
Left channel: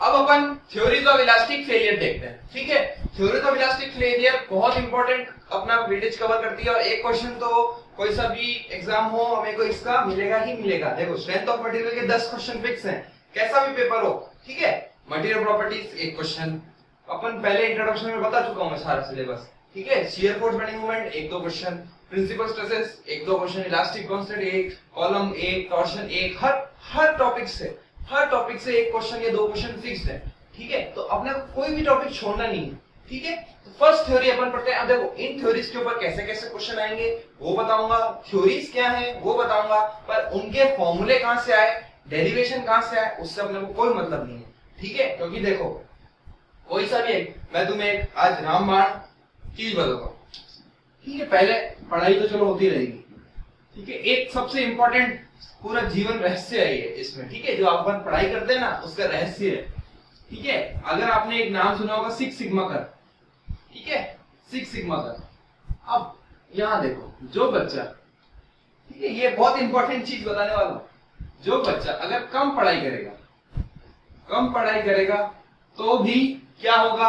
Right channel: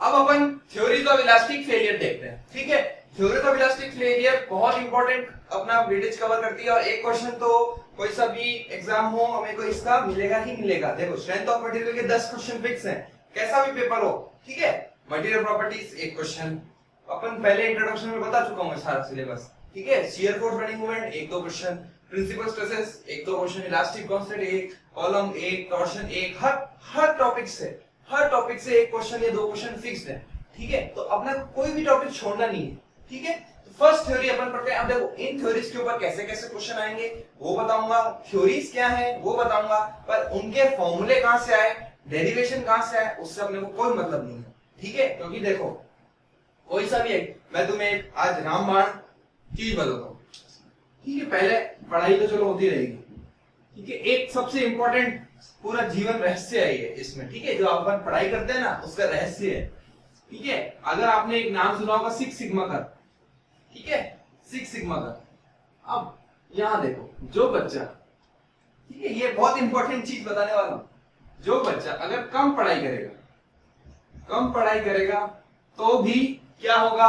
अब अपन थ्योरीज ऑफ इलास्टिक फेलियर देखते हैं, ठीक है। थ्योरीज ऑफ इलास्टिक फेलियर बहुत इंपॉर्टेंट अपना वेटेज कवर करती है और एक क्वेश्चन तो कोई सा भी एग्जाम हो हमें को इसका मिलेगा ही मिलेगा। देखो स्ट्रेंथ ऑफ मटेरियल के 10 क्वेश्चन फिक्स हैं, कैसा भी पेपर हो, ठीक है। मटेरियल प्रॉपर्टीज एक क्वेश्चन, अपन पहले इंट्रोडक्शन में बता चुका हूं मैं सारा सिलेबस, ठीक है। Shear force bending moment 1-2 question, principal stresses 1-2 question, elastic constant 1, column 1, torsion 1, हर टॉपिक से एक क्वेश्चन या 2 क्वेश्चन फिक्स्ड है, ठीक है। तो अपने को कोई भी टॉपिक छोड़ना नहीं है, ठीक है। तो फर्स्ट थ्योरी अपन पढ़ते हैं। अब देखो इन थ्योरीज के ऊपर कैसे कैसे क्वेश्चन आएंगे वो बताऊंगा, थ्योरीज क्या है वो बताऊंगा, पर उनके फॉर्मूले कहां से आए, डेरिवेशन कहां से आए, उससे अपने को कोई मतलब नहीं है, ठीक है। क्योंकि देखो कोई सा भी एक, मैं तुम्हें आज रामबाण चीज बताता हूं, ठीक है, पहले पढ़ाई तो चलो होती रहेगी, ठीक है। एक सबसे इंपॉर्टेंट पूरा जीवन रहस्य है ये इसमें, ठीक है, जो अपन पढ़ाई करते हैं ना उसका रहस्य है, ठीक है। अगर आपने एक नाम सुना होगा 6 सिग्मा कर, ठीक है, 6 सिग्मा कर। अब यहां देखो जो बच्चा, ठीक है, ये बहुत इंपॉर्टेंट चीज बताने वाला हूं, जो बच्चा अगर कम पढ़ाई करेगा तो भी क्या होगा,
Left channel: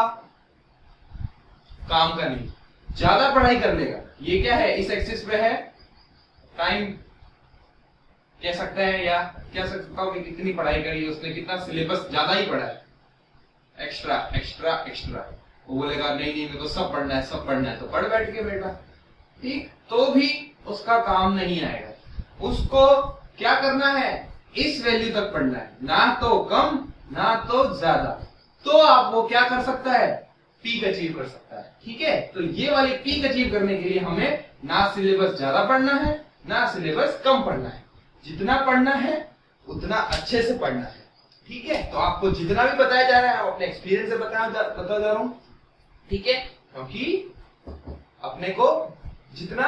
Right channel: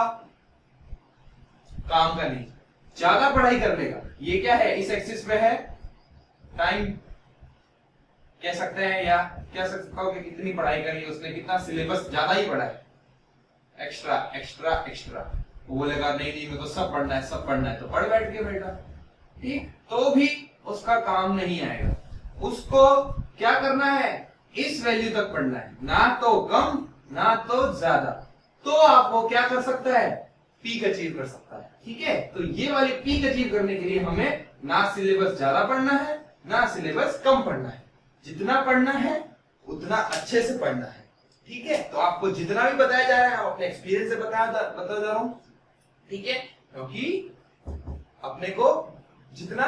काम का नहीं, ज्यादा पढ़ाई कर लेगा, ये क्या है, इस एक्सिस पे है टाइम कह सकते हैं, या कह सकता हूं कि कितनी पढ़ाई करी है उसने, कितना सिलेबस ज्यादा ही पढ़ा है, एक्स्ट्रा। वो बोलेगा नहीं मेरे को सब पढ़ना है, तो पढ़ बैठ के बेटा, ठीक, तो भी उसका काम नहीं आएगा। उसको क्या करना है, इस वैल्यू तक पढ़ना है, ना तो कम ना तो ज्यादा, तो आप वो क्या कर सकता है, पीक अचीव कर सकता है, ठीक है। तो ये वाली पीक अचीव करने के लिए हमें ना सिलेबस ज्यादा पढ़ना है ना सिलेबस कम पढ़ना है, जितना पढ़ना है उतना अच्छे से पढ़ना है, ठीक है। तो आपको जितना भी बताया जा रहा है आप अपने एक्सपीरियंस से बता जा रहा हूं, ठीक है, क्योंकि अपने को जितना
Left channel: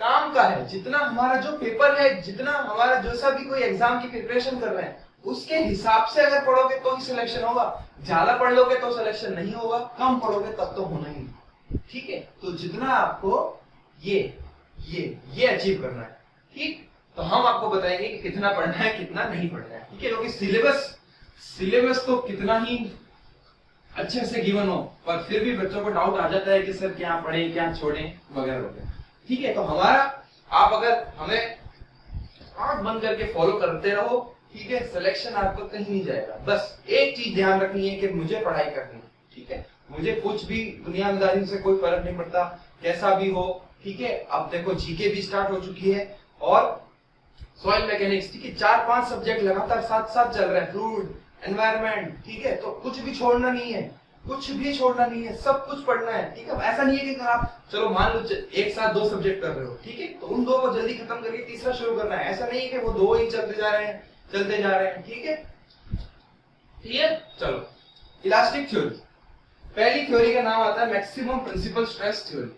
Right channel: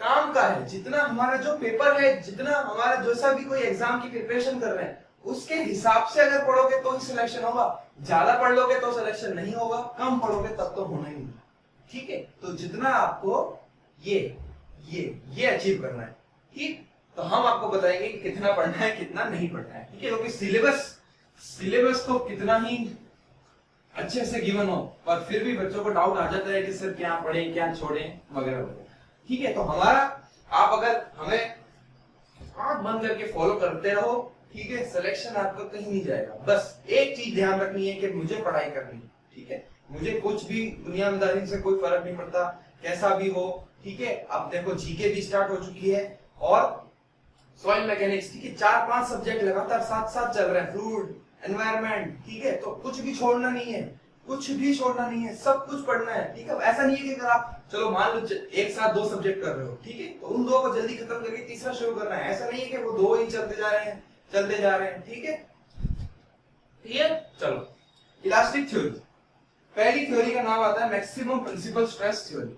काम का है, जितना हमारा जो पेपर है, जितना हमारा जो सा भी कोई एग्जाम की प्रिपरेशन कर रहे हैं उसके हिसाब से अगर पढ़ोगे तो ही सिलेक्शन होगा, ज्यादा पढ़ लोगे तो सिलेक्शन नहीं होगा, कम पढ़ोगे तब तो होना ही नहीं, ठीक है। तो जितना आपको ये अचीव करना है, ठीक, तो हम आपको बताएंगे कि कितना पढ़ना है कितना नहीं पढ़ना है, ठीक है। क्योंकि सिलेबस तो कितना ही अच्छे से गिवन हो पर फिर भी बच्चों को डाउट आ जाता है कि सर क्या पढ़े क्या छोड़े वगैरह वगैरह, ठीक है। तो हमारा आप अगर हमें आंख बंद करके फॉलो करते रहो, ठीक है, सिलेक्शन आपका कहीं नहीं जाएगा। बस एक चीज ध्यान रखनी है कि मुझे पढ़ाई करनी है, ठीक है, मुझे कुछ भी दुनियादारी से कोई फर्क नहीं पड़ता, कैसा भी हो, ठीक है। अब देखो जीके भी स्टार्ट हो चुकी है और सॉइल मैकेनिक्स, ठीक है, 4-5 सब्जेक्ट लगातार साथ साथ चल रहे हैं, फ्लूइड, एनवायरनमेंट, ठीक है, तो कुछ भी छोड़ना नहीं है, कुछ भी छोड़ना नहीं है, सब कुछ पढ़ना है, ठीक है। ऐसा नहीं है कि अगर आप चलो मान लो एक साथ 2 सब्जेक्ट कर रहे हो, ठीक है, तो उन 2 को जल्दी खत्म करके तीसरा शुरू करना है, ऐसा नहीं है कि वो 2 ही चलते जा रहे हैं, ठीक है। क्लियर? चलो इलास्टिक थ्योरी, पहली थ्योरी का नाम आता है मैक्सिमम प्रिंसिपल स्ट्रेस थ्योरी।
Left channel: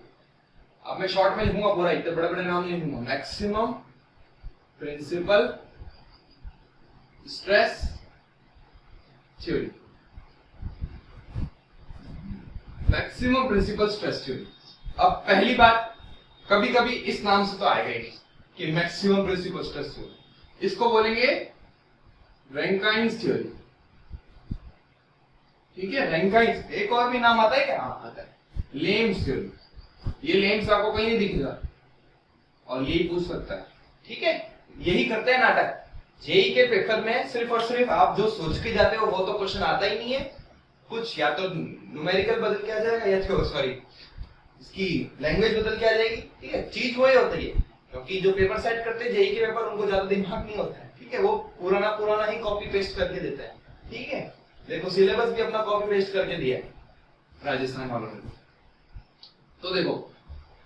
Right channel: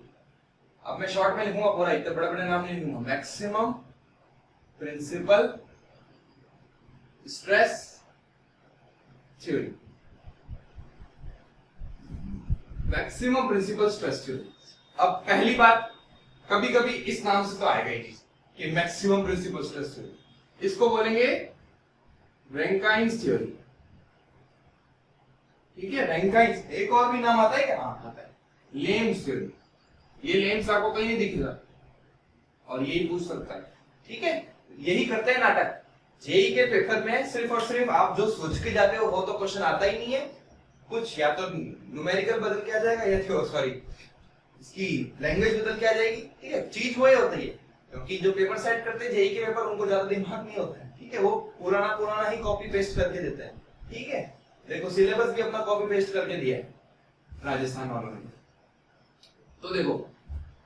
अब मैं शॉर्ट में लिखूंगा पूरा, इतने बड़े बड़े नाम नहीं लिखूंगा। Maximum principal stress theory, maximum principal stress theory. अब पहली बात, कभी कभी इस नाम से तो आएगा ही नहीं कि मैक्सिमम प्रिंसिपल स्ट्रेस थ्योरी, इसको बोलेंगे रैंकाइन्स थ्योरी, ठीक है। रैंकाइन्स, एक और भी नाम आता है क्या? हाँ आता है, लेम्स थ्योरी। ये लेम्स आपको कहीं नहीं दिखेगा और यही पूछ सकता है, ठीक है। यही करते हैं नाटक। जेई के पेपर में सिर्फ और सिर्फ आप जो सोच के जाते हो वो तो क्वेश्चन आता ही नहीं है, कुछ या तो न्यूमेरिकल बदल के आ जाएगा या सॉरी इसकी लैंग्वेज बदल के आ जाएगी, ठीक है। चीज वही होती है, क्योंकि जो पेपर सेट करते हैं जेई के पेपर, उनको ज्यादा दिमाग नहीं होता है, ठीक है, वो पुराना ही कॉपी पेस्ट करके देते हैं, ठीक है। देखो सिलेबस भी अपना कॉपी पेस्ट करके दिया है राजस्थान वालों ने। तो देखो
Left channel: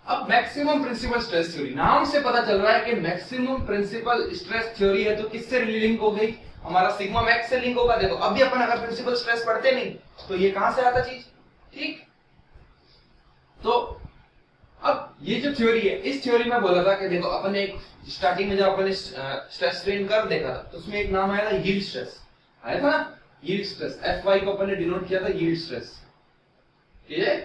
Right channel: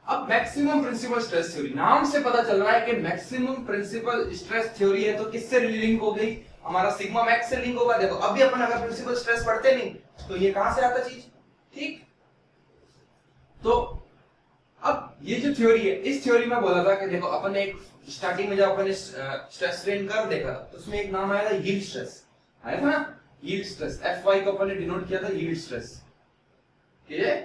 अब मैक्सिमम प्रिंसिपल स्ट्रेस थ्योरी, नाम से पता चल रहा है कि मैक्सिमम प्रिंसिपल स्ट्रेस थ्योरी है, तो किससे लिंक हो गई? हमारा सिग्मा मैक्स से लिंक होगा। देखो अभी अपन अगर प्रिंसिपल स्ट्रेस पढ़ते नहीं तो ये कहां से आता चीज, ठीक। तो अब ये जो थ्योरी है, इस थ्योरी में बोला था कि देखो अपन ने एक स्टार्टिंग में जब अपन ने स्ट्रेस स्ट्रेन कर्व देखा था तो उसमें एक नाम आया था यील्ड स्ट्रेस, आया था ना, यील्ड स्ट्रेस। Fy को अपन ने डिनोट किया था यील्ड स्ट्रेस, ठीक है,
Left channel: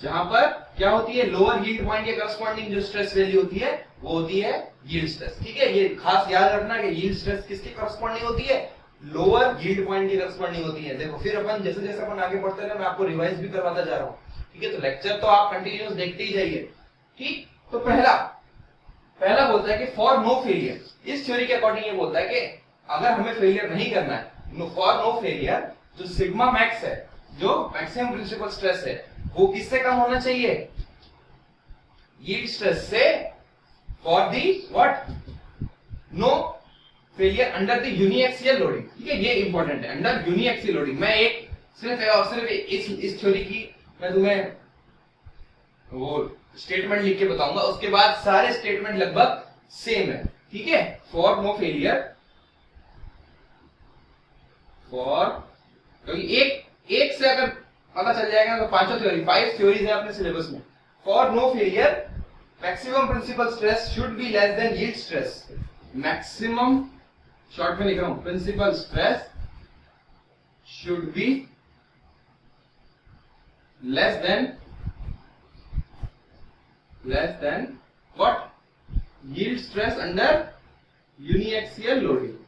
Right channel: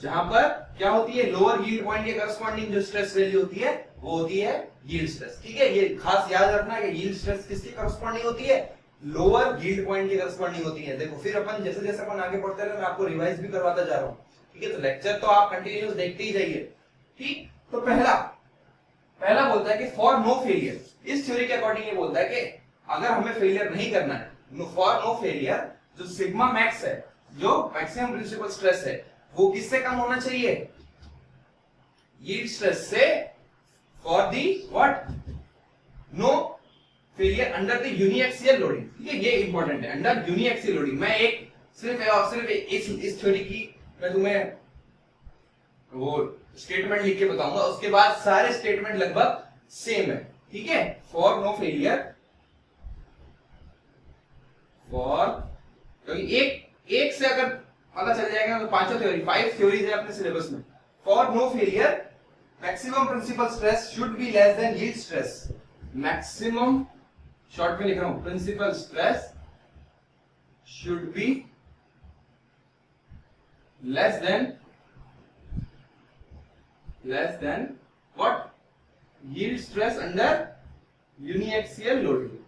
जहां पर क्या होती है, लोअर यील्ड पॉइंट के करस्पॉन्डिंग जो स्ट्रेस वैल्यू होती है वो होती है यील्ड स्ट्रेस, ठीक है। ये खास याद रखना कि यील्ड स्ट्रेस किसके करस्पॉन्डिंग होती है? लोअर यील्ड पॉइंट की करस्पॉन्डिंग होती है। देखो फिर अपन जैसे जैसे अपन आगे बढ़ते रहे, मैं आपको रिवाइज भी करवाता जा रहा हूं, ठीक है। तो लेक्चर तो आप कंटिन्यूअस देखते ही जाइए, ठीक। तो पहला बोलता है कि फॉर नो फेलियर, इस थ्योरी के अकॉर्डिंग ये बोलता है कि अगर हमें फेलियर नहीं करना है, फॉर नो फेलियर, जो सिग्मा मैक्स है, जो मैक्सिमम प्रिंसिपल स्ट्रेस है, वो किससे कम होना चाहिए? यील्ड स्ट्रेस से, for the what? No failure under the uniaxial loading, ठीक है, ये इंपॉर्टेंट है, अंडर यूनिएक्सियल लोडिंग। मैं एक सिर्फ इस थ्योरी की मैं तुम्हें वो स्टेटमेंट लिख के बताऊंगा, उसके बाद सारे स्टेटमेंट लगभग सेम है, ठीक है। फॉर नो फेलियर, फॉर, क्योंकि एक से अगर पता चल जाएगा तो 5 थ्योरी, 5 थ्योरीज है अपने सिलेबस में। For no failure maximum principal stress should be less than yield stress. Maximum, short में लिख रहा हूं, principal stress should be less than what? Yield stress under uniaxial loading,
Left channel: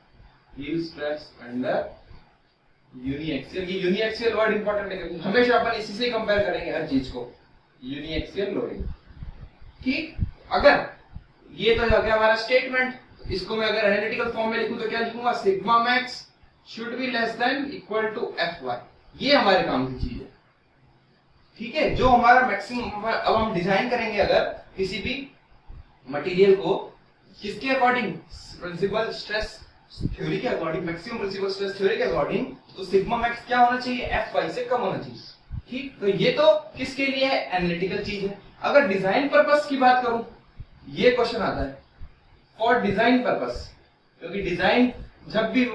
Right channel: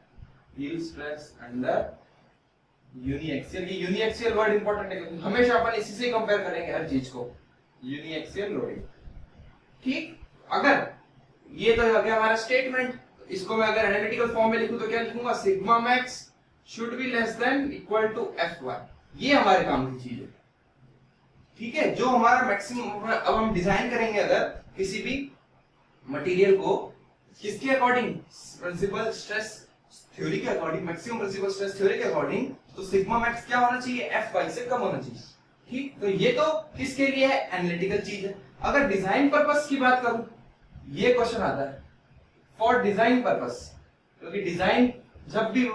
yield stress under uniaxial, ये uniaxial word important है क्योंकि हमेशा अपन इसी से कंपेयर करेंगे हर चीज को, यूनिएक्सियल लोडिंग, ठीक। अगर ये तो हो गया हमारा स्टेटमेंट, इसको मैं अगर एनालिटिकल फॉर्म में लिखूं तो क्या लिखूंगा? Sigma max should be less than equal to Fy, ये हमारे काम की चीज है, ठीक है। जो हमारा मैक्सिमम, अब हम डिजाइन करेंगे अगर किसी भी मटेरियल को, किसके अकॉर्डिंग? प्रिंसिपल स्ट्रेस थ्योरी के according, maximum principal stress theory के अकॉर्डिंग, तो सिग्मा मैक्स क्या होना चाहिए? Fy से कम होना चाहिए, ठीक। तो ये तो किसके लिए है? एनालिटिकल चीज है। अगर डिजाइन पर्पस की बात करूं, ये क्वेश्चन आता है फॉर डिजाइन पर्पस, क्योंकि डिजाइन जब भी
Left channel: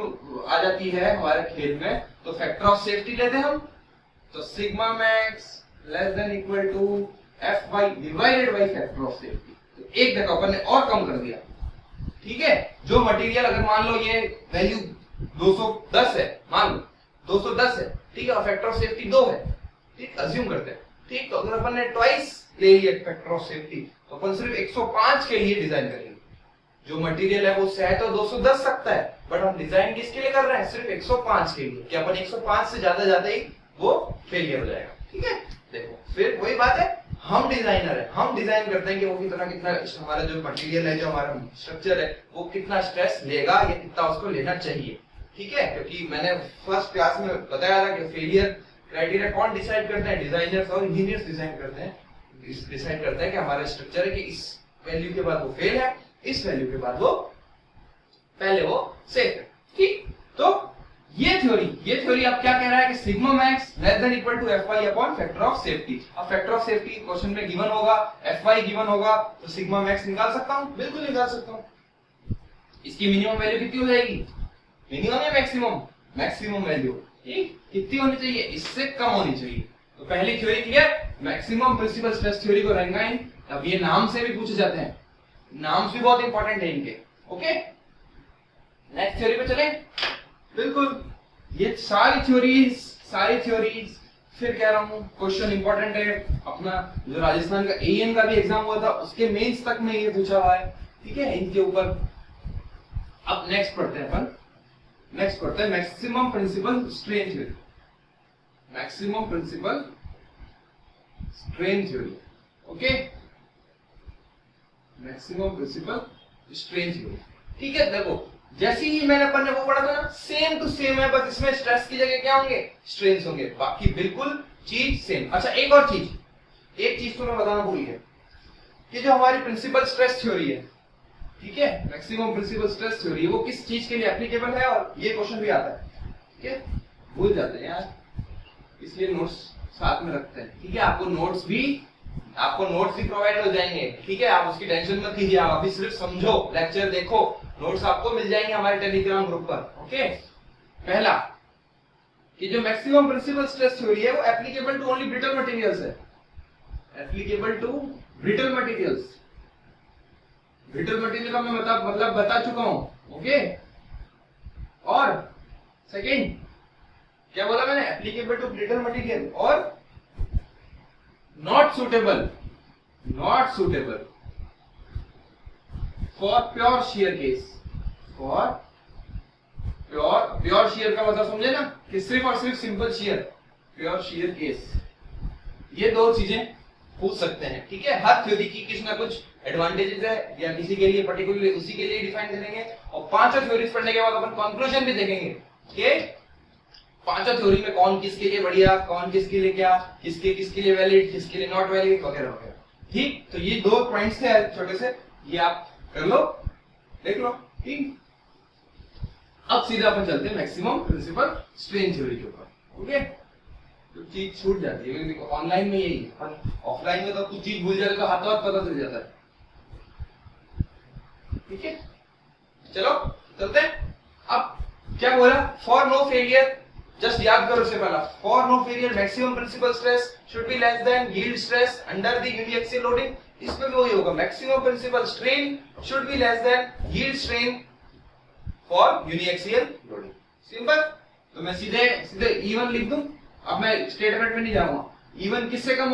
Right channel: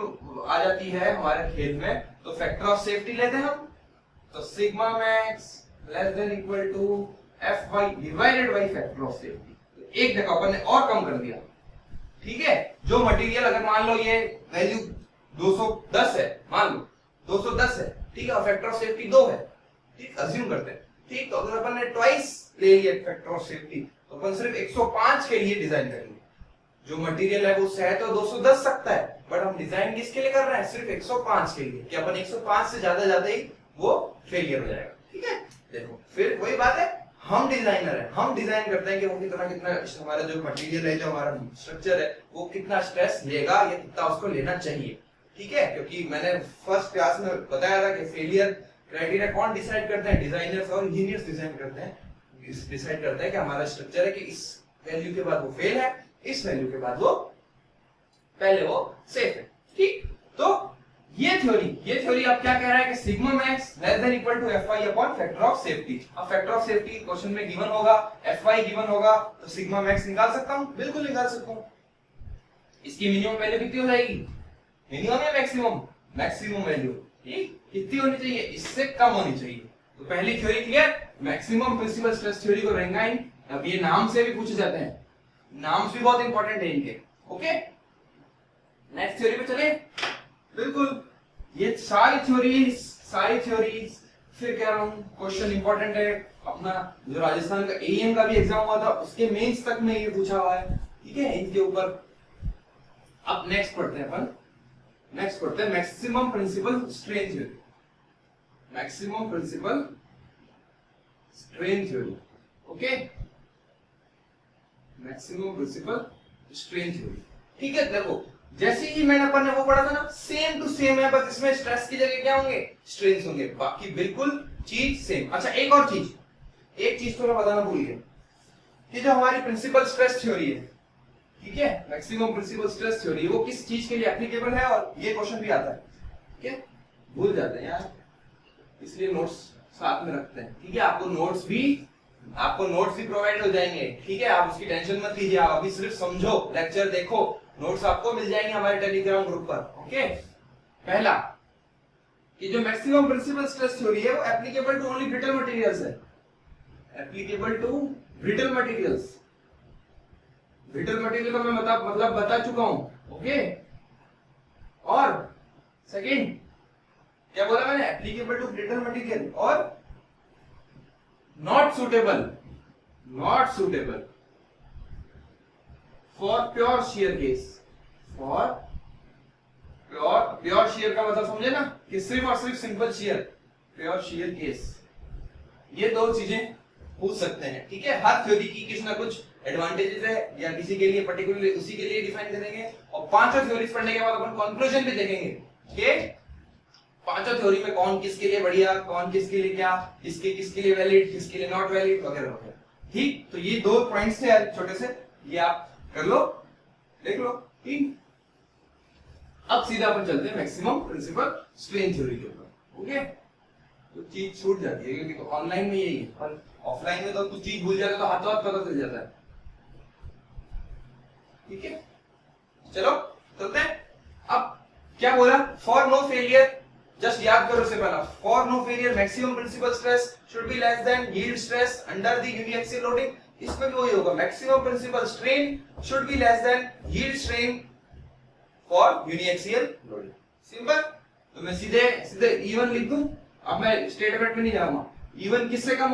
आ जाती है हमारे खेल में तो फैक्टर ऑफ सेफ्टी लेते हैं हम, तो sigma max less than equal to Fy divided by factor of safety. तो एक जगह अपन ने और कम कर दिया, ठीक है। जो मटेरियल अगर मान लो ये वैल्यू 210 है, मान लो 210 है, ठीक है, और फैक्टर ऑफ सेफ्टी 2 है, ठीक, अज्यूम करते हैं, ठीक। तो अगर अपन ने ट्वाइस ले लिया फैक्टर ऑफ सेफ्टी तो अपन सिर्फ 105 के लिए डिजाइन करेंगे। जो मटेरियल है वो शायद तो 210 सकता है, बट हम डिजाइन किसके लिए कर रहे हैं? सिर्फ 105 के लिए, कि अपन 105 से ज्यादा ही वो फेलियर हो जाएगा, ठीक है। देखो फिर वही बात है, हम डिजाइनर है, हम डिजाइन करते हैं कि वो कितना कितना हमारा जो मटेरियल है, जो हमारा स्ट्रक्चर है, वो कितना स्ट्रेस लेगा या कितना उसको लेना चाहिए। ठीक है, क्योंकि मैंने फर्स्ट क्लास में बताया था कि फेलियर क्राइटेरिया कौन डिसाइड करते हैं, डिजाइनर्स और इंजीनियर्स डिजाइन करते हैं, डिसाइड करते हैं कि हमारा स्ट्रक्चर है कि इस वैल्यू के बाद वो फेल है, इस वैल्यू के बाद वो पहले वो सेफ है। ठीक, तो ये थ्योरी अब क्या कह रहा है कि sigma max less than equal to FY upon factor of safety. अब फैक्टर ऑफ सेफ्टी क्वेश्चन में गिवन होगा, एफवाई गिवन होगा, तो सिग्मा मैक्स निकाल सकता हूं, बिल्कुल निकाल सकता हूं। इसकी मिनिमम वैल्यू कितनी हो जाएगी, मिनिमम या मैक्सिमम, मैक्सिमम वैल्यू ठीक कितनी होनी चाहिए, इससे कम होनी चाहिए। तो पहली theory clear, maximum principal stress theory को रैंकाइन। अब ये नाम से भी पूछे जाते हैं, नाम्स भी बहुत इंपॉर्टेंट है इनके। ओके, नेक्स्ट थ्योरी पे चले। बिल्कुल, ये सारी थ्योरीज फिर कह रहा हूं क्वेश्चन इंपॉर्टेंट है। अपना जो राजस्थान का एएन का भी एग्जाम हुआ था उसके मेंस तक में ये पूछा हुआ है। ठीक है, इनके ऊपर अब नेक्स्ट पढ़ते हैं maximum principal strain theory. Maximum principal strain theory, okay, maximum principal strain theory. ठीक है, देखो जैसे ही मैंने अपन ने वो पढ़ा था ना, सेम टू सेम है, बस इसमें स्ट्रेस की जगह क्या होंगे, स्ट्रेन्स होंगे, बाकी बिल्कुल चीज सेम। अच्छा, एक और चीज, एक चीज तो मैं बताना भूल गया कि जो हमारी प्रिंसिपल स्ट्रेस थ्योरी है, ठीक है, मैक्सिमम प्रिंसिपल स्ट्रेस थ्योरी, वो किस चीज के लिए एप्लीकेबल है, और ये क्वेश्चन भी आता है। ठीक है, भूल जाते हैं यार, इसलिए नोट्स साथ में रखते हैं। ठीक है, आपको नोट्स भी प्रोवाइड हो जाएंगे। ठीक है, आप उसकी टेंशन मत लीजिए, आप अभी सिर्फ समझो, लेक्चर देखो, नोट्स आपको मिल जाएंगे हमारे टेलीग्राम ग्रुप पर। ओके, पहला कि जो मैक्सिमम प्रिंसिपल स्ट्रेस थ्योरी है वो applicable to only brittle materials है, applicable to brittle materials. Brittle material का मैं मतलब बता चुका हूं। ओके, और सेकंड क्या बोला मैंने, एप्लीकेबल टू ब्रिटल मटेरियल, और not suitable for pure shear case. For pure shear का मतलब समझे ना, कि सिर्फ और सिर्फ simple shear, pure shear case. ये दो चीजें पूछ सकते हैं। ठीक है, हर थ्योरी की कुछ ना कुछ एडवांटेजेस है, या किसी के लिए पर्टिकुलरली उसी के लिए डिफाइन करेंगे, और पांचों थ्योरीज पढ़ने के बाद अपन कंक्लूजन भी देखेंगे कि पांचों थ्योरी में कौन किसके लिए बढ़िया, कौन किसके लिए क्या, किसके लिए वैलिड, किसके लिए नॉट वैलिड, वगैरह वगैरह। ठीक, तो ये दो पॉइंट्स थे छोटे से, ये आप कर लो, देख लो। ठीक, अब सीधा अपन चलते हैं मैक्सिमम प्रिंसिपल स्ट्रेन थ्योरी के ऊपर। ओके, तो चीज छूट जाती है, क्योंकि ऑनलाइन में यही है, ऑफलाइन में तो कुछ चीज भूल जाते तो हाथों हाथ पता चल जाता है। ठीक है, चलो चलते हैं। अब क्या बोला, फॉर नो फेलियर, जस्ट याद करो इससे पहला, for no failure maximum principal stress should be less than yield stress under the uniaxial loading. इसमें भी वही होगा, maximum principal strain should be less than yield strain for uniaxial loading. Simple, तो मैं सीधे E1 लिख दूं। अब मैं स्टेटमेंट में नहीं जाऊंगा। E1 किससे कम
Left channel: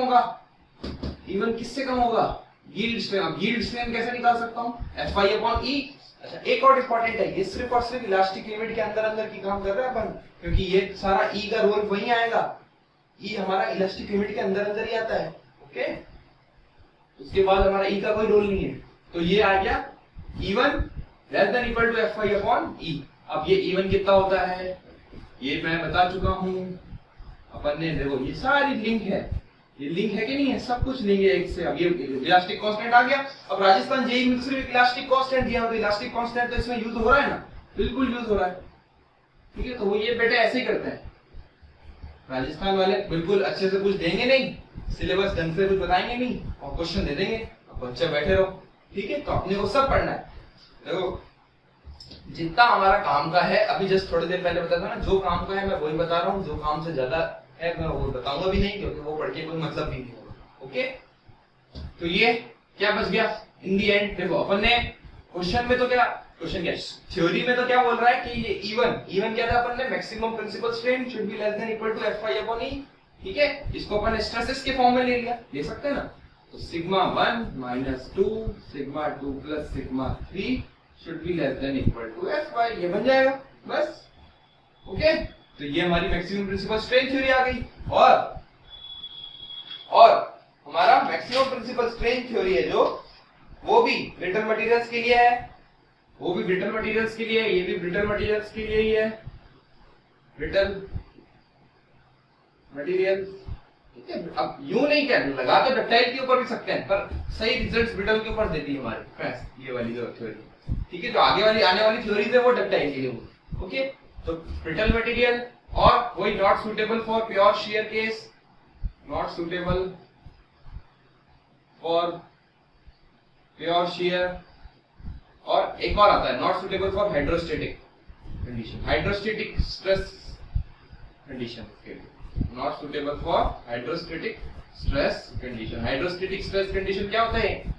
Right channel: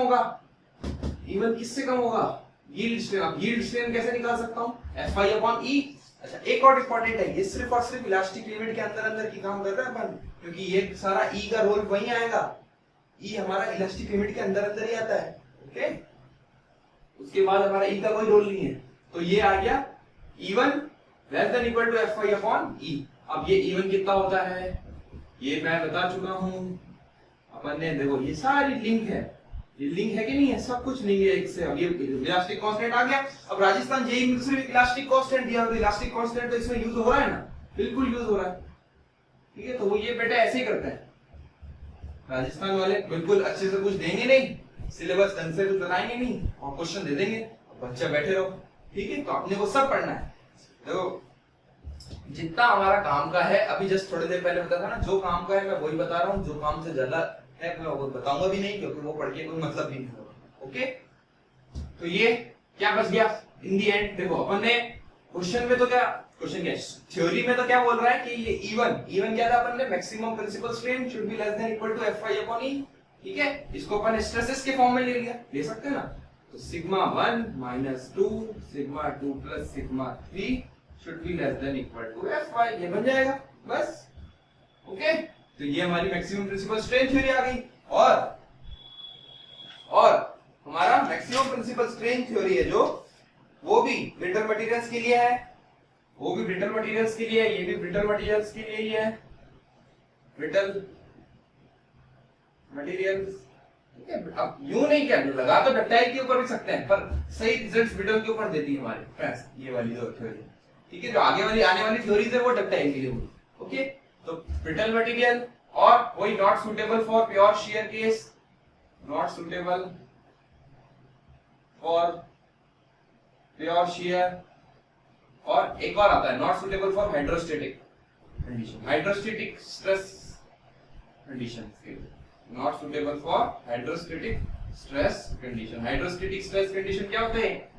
होगा, यील्ड स्ट्रेन। अब यील्ड स्ट्रेन कैसे निकाल सकता हूं, Fi अपॉन E। अच्छा, एक और इंपॉर्टेंट है, ये सिर्फ और सिर्फ इलास्टिक लिमिट के अंदर की काम कर रहा है अपन, क्योंकि ये सारा E का रोल वही आएगा, E हमारा इलास्टिक लिमिट के अंदर ही आता है। ओके, उसके बाद हमारा E का कोई रोल नहीं है, तो ये आ गया E1 less than equal to Fi upon E। अब ये E1 कितना होता है, ये मैं बता चुका हूं अपन ने। देखो ये सारी लिंक है, ये लिंक है कि नहीं है, सब कुछ लिंक है एक से। अब ये इलास्टिक कांस्टेंट आ गया। अब राजस्थान जेईई में सिर्फ इलास्टिक कांस्टेंट दिया, तो इलास्टिक कांस्टेंट तो इसमें यूज हो रहा है ना, बिल्कुल यूज हो रहा है। ठीक है, तो वो ये बेटे ऐसे ही करते हैं राजस्थान वाले, बिल्कुल अच्छे से कुछ देंगे नहीं, सिलेबस ढंग से कुछ बताएंगे नहीं, और क्वेश्चन दे देंगे, अब बच्चे बैठे रहो। ठीक है, तो अपने को सब पढ़ना है। देखो जितना हमारा काम का है, अभी जस्ट थोड़ी देर पहले बताया था ना, जो काम का है मैं वही बता रहा हूँ, जो काम से ज्यादा है मैं वो बताऊंगा भी नहीं, क्योंकि वो पढ़ के कोई मतलब भी नहीं होगा। ओके, तो ये क्या बच गया इन दी एंड। देखो अपन ने क्वेश्चन में तो क्या, थ्योरी में तो क्या बोल रहा है कि ये E1 क्या था, अपन ने maximum principal strain should be less than equal to Fi upon E। ठीक है, इसको अपन स्ट्रेसेस के फॉर्म में ले सकते हैं ना, तो sigma 1 minus 2 sigma 2 plus sigma 3 should be less than equal to Fi, ये बन जाएगा बस। ओके, तो ये हमारी मैक्सिमम प्रिंसिपल स्ट्रेन थ्योरी आ गई। और हमारा मैक्सिमम प्रिंसिपल स्ट्रेन थ्योरी है जो, वो भी ब्रिटल मटेरियल्स के लिए है, वो भी ब्रिटल मटेरियल्स के लिए है, ये भी ब्रिटल मटेरियल्स के लिए ही है, ब्रिटल मटेरियल्स। ठीक है, अब यूं नहीं कर लगा तो डक्टाइल के ऊपर भी सकते हैं, पर सही रिजल्ट्स ब्रिटल के ऊपर देती है हमारे फ्रेंड्स ये वाली जो थ्योरी। ठीक है, जो आगे वाली आने वाली थ्योरीज है वो डक्टाइल के लिए होगी। ओके, तो ब्रिटल मटेरियल और वही not suitable for pure shear case, not suitable for pure shear, और एक और आता है not suitable for hydrostatic condition, hydrostatic stress condition के लिए, not suitable for hydrostatic stress condition. Hydrostatic stress condition क्या होते हैं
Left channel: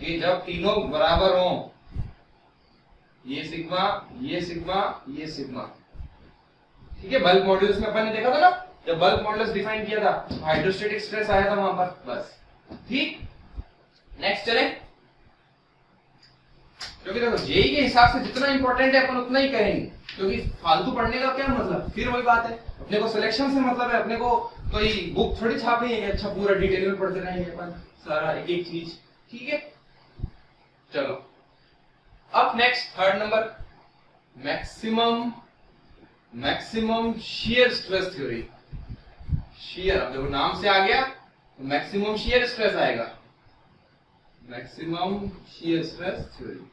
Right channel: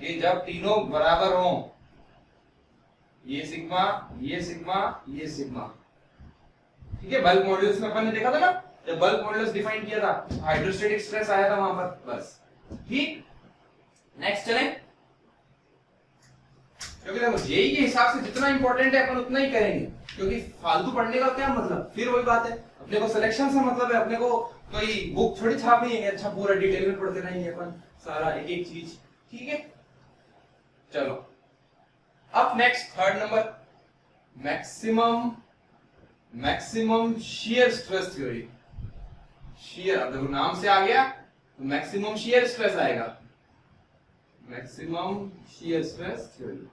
कि जब तीनों बराबर हो, ये सिग्मा, ये सिग्मा, ये सिग्मा। ठीक है, बल्क मॉड्यूलस में अपन ने देखा था ना, जब बल्क मॉड्यूलस डिफाइन किया था हाइड्रोस्टेटिक स्ट्रेस आया था वहां पर, बस। ठीक, नेक्स्ट चलें, क्योंकि देखो जेई के हिसाब से जितना इंपॉर्टेंट है अपन उतना ही करेंगे, क्योंकि फालतू पढ़ने का क्या मतलब, फिर वही बात है, अपने को सिलेक्शन से मतलब है, अपने को कोई बुक थोड़ी छापनी है, अच्छा पूरा डिटेल में पढ़ते रहेंगे अपन सारा एक एक चीज। ठीक है, चलो अब next third number, maximum shear stress theory. Shear, अब देखो नाम से आ गया तो मैक्सिमम शियर स्ट्रेस आएगा, maximum shear stress theory.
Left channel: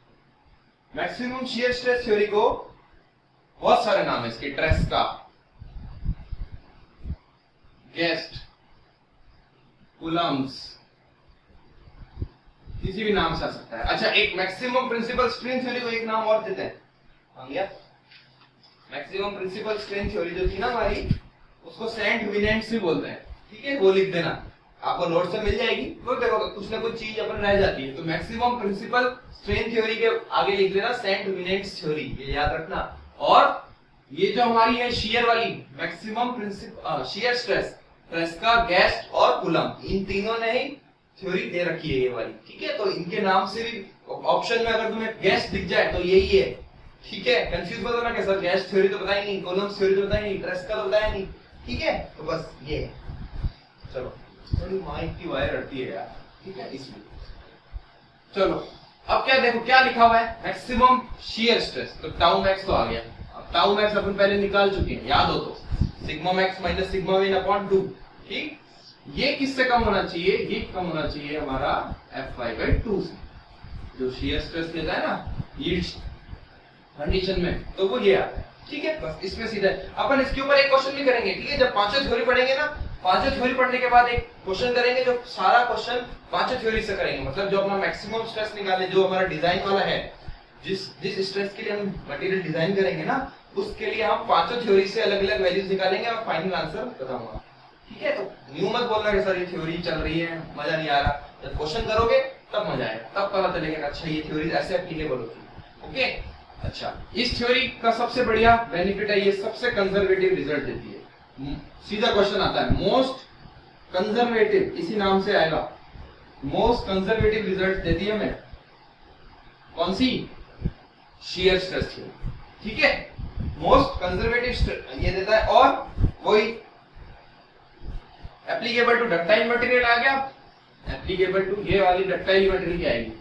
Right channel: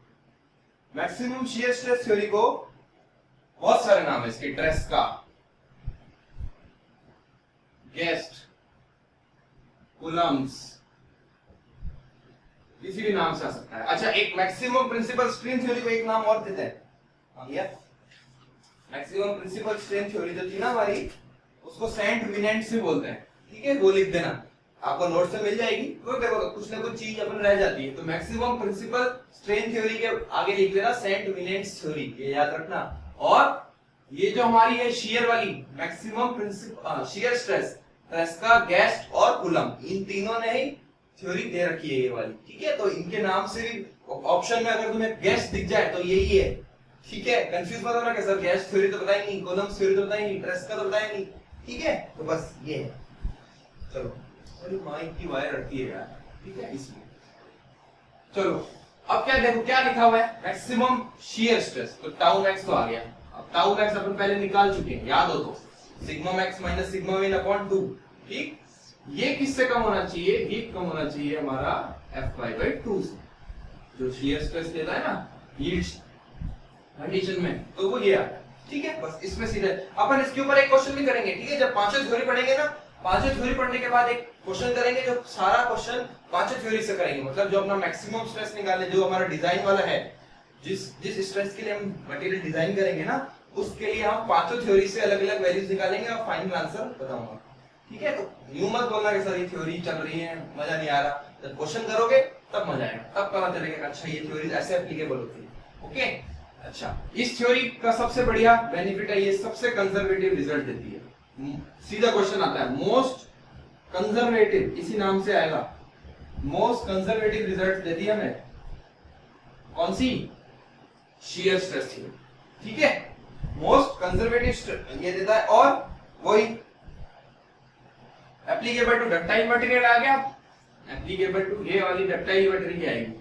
Maximum shear stress theory को बहुत सारे नाम है इसके, ट्रेस्का, गेस्ट, कूलम्स, किसी भी नाम से आ सकता है। अच्छा, एक मैक्सिमम प्रिंसिपल स्ट्रेन थ्योरी को एक नाम और देते हैं, आ गया मैक्सिमम प्रिंसिपल स्ट्रेन थ्योरी जो थी ना हमारी, उसको सेंट विनेंट भी बोलते हैं। ठीक है, वो लिख देना, आपको नोट से मिल जाएगी, वो देखो कुछ ना कुछ चीज अपन रह जाती है, तो मैक्सिमम प्रिंसिपल स्ट्रेन थ्योरी के आगे लिख देना सेंट विनेंट्स थ्योरी, ये याद रखना। और ये जो हमारी है शियर वाली, maximum principal shear stress, Tresca, Guest और कूलम, इन तीनों ने ही थ्योरी दे रखी है ये वाली। ठीक है, तो इनके नाम से भी ऑप्शन में अगर तुम्हें गेस्ट दिख जाए तो यही है। ठीक है, कंफ्यूज मत होना कि सर गेस्ट थ्योरी तो बताई नहीं, कूलम्स थ्योरी तो बताई नहीं, ट्रेस्का तो बताया नहीं। ठीक है, तो बस ये है। चलो, थोड़ी माइक की वायर अड़ती है यार, ठीक है इसलिए। चलो अब क्या देखो क्या लिखा हुआ है, मैक्सिमम शियर स्ट्रेस, तो टाउ मैक्स तो आ गया। अब टाउ मैक्स अपन पहले निकाल चुके हैं, याद हो तो, sigma max minus sigma win upon 2। ठीक, ये किससे कम होना चाहिए, ये कम होना चाहिए हमारा Fy/2 से, जो शियर स्ट्रेस लेता है ना यील्ड कंडीशन में, तो वो ये आता है। ठीक है, बस इसमें सीधा अपन इसके ऊपर एक क्वेश्चन भी करेंगे। ठीक है, जब पांचों थ्योरी पढ़ेंगे ना, पांचों थ्योरी पढ़ने के बाद एक क्वेश्चन करेंगे, जो सारा क्वेश्चन पांचों थ्योरी से करेंगे, मतलब जो अपना मैक्सिमम स्ट्रेस निकाले, जो हमारा डिजाइन वाला है, जिस स्ट्रेस के लिए हम मटेरियल डिजाइन करेंगे ना, उसके लिए हम पांचों थ्योरी से अलग अलग वैल्यूज निकालेंगे और फाइनल आंसर बताऊंगा। ठीक है, तो न्यू मत बोलना कि सर ये थ्योरी चल रही है मजा नहीं आ रहा, जब क्वेश्चन करोगे तब मजा आएगा, तब पता चलेगा अच्छा ये थ्योरी ऐसे एप्लीकेबल होती है। ओके, अच्छा, इस थ्योरी का सबसे बढ़िया बेनिफिट है, ये सबसे कंजर्वेटिव रिजल्ट देती है। सीधा क्वेश्चन आता है, मोस्ट कंजर्वेटिव, इसी नाम से आएगा, मोस्ट कंजर्वेटिव रिजल्ट देती है हमें कौन सी, शियर स्ट्रेस थ्योरी। ठीक है, मोस्ट कंजर्वेटिव ये देता है, और वही एप्लीकेबल टू डक्टाइल मटेरियल आ गया, एप्लीकेबल टू ये वाली डक्टाइल मटेरियल की आएगी,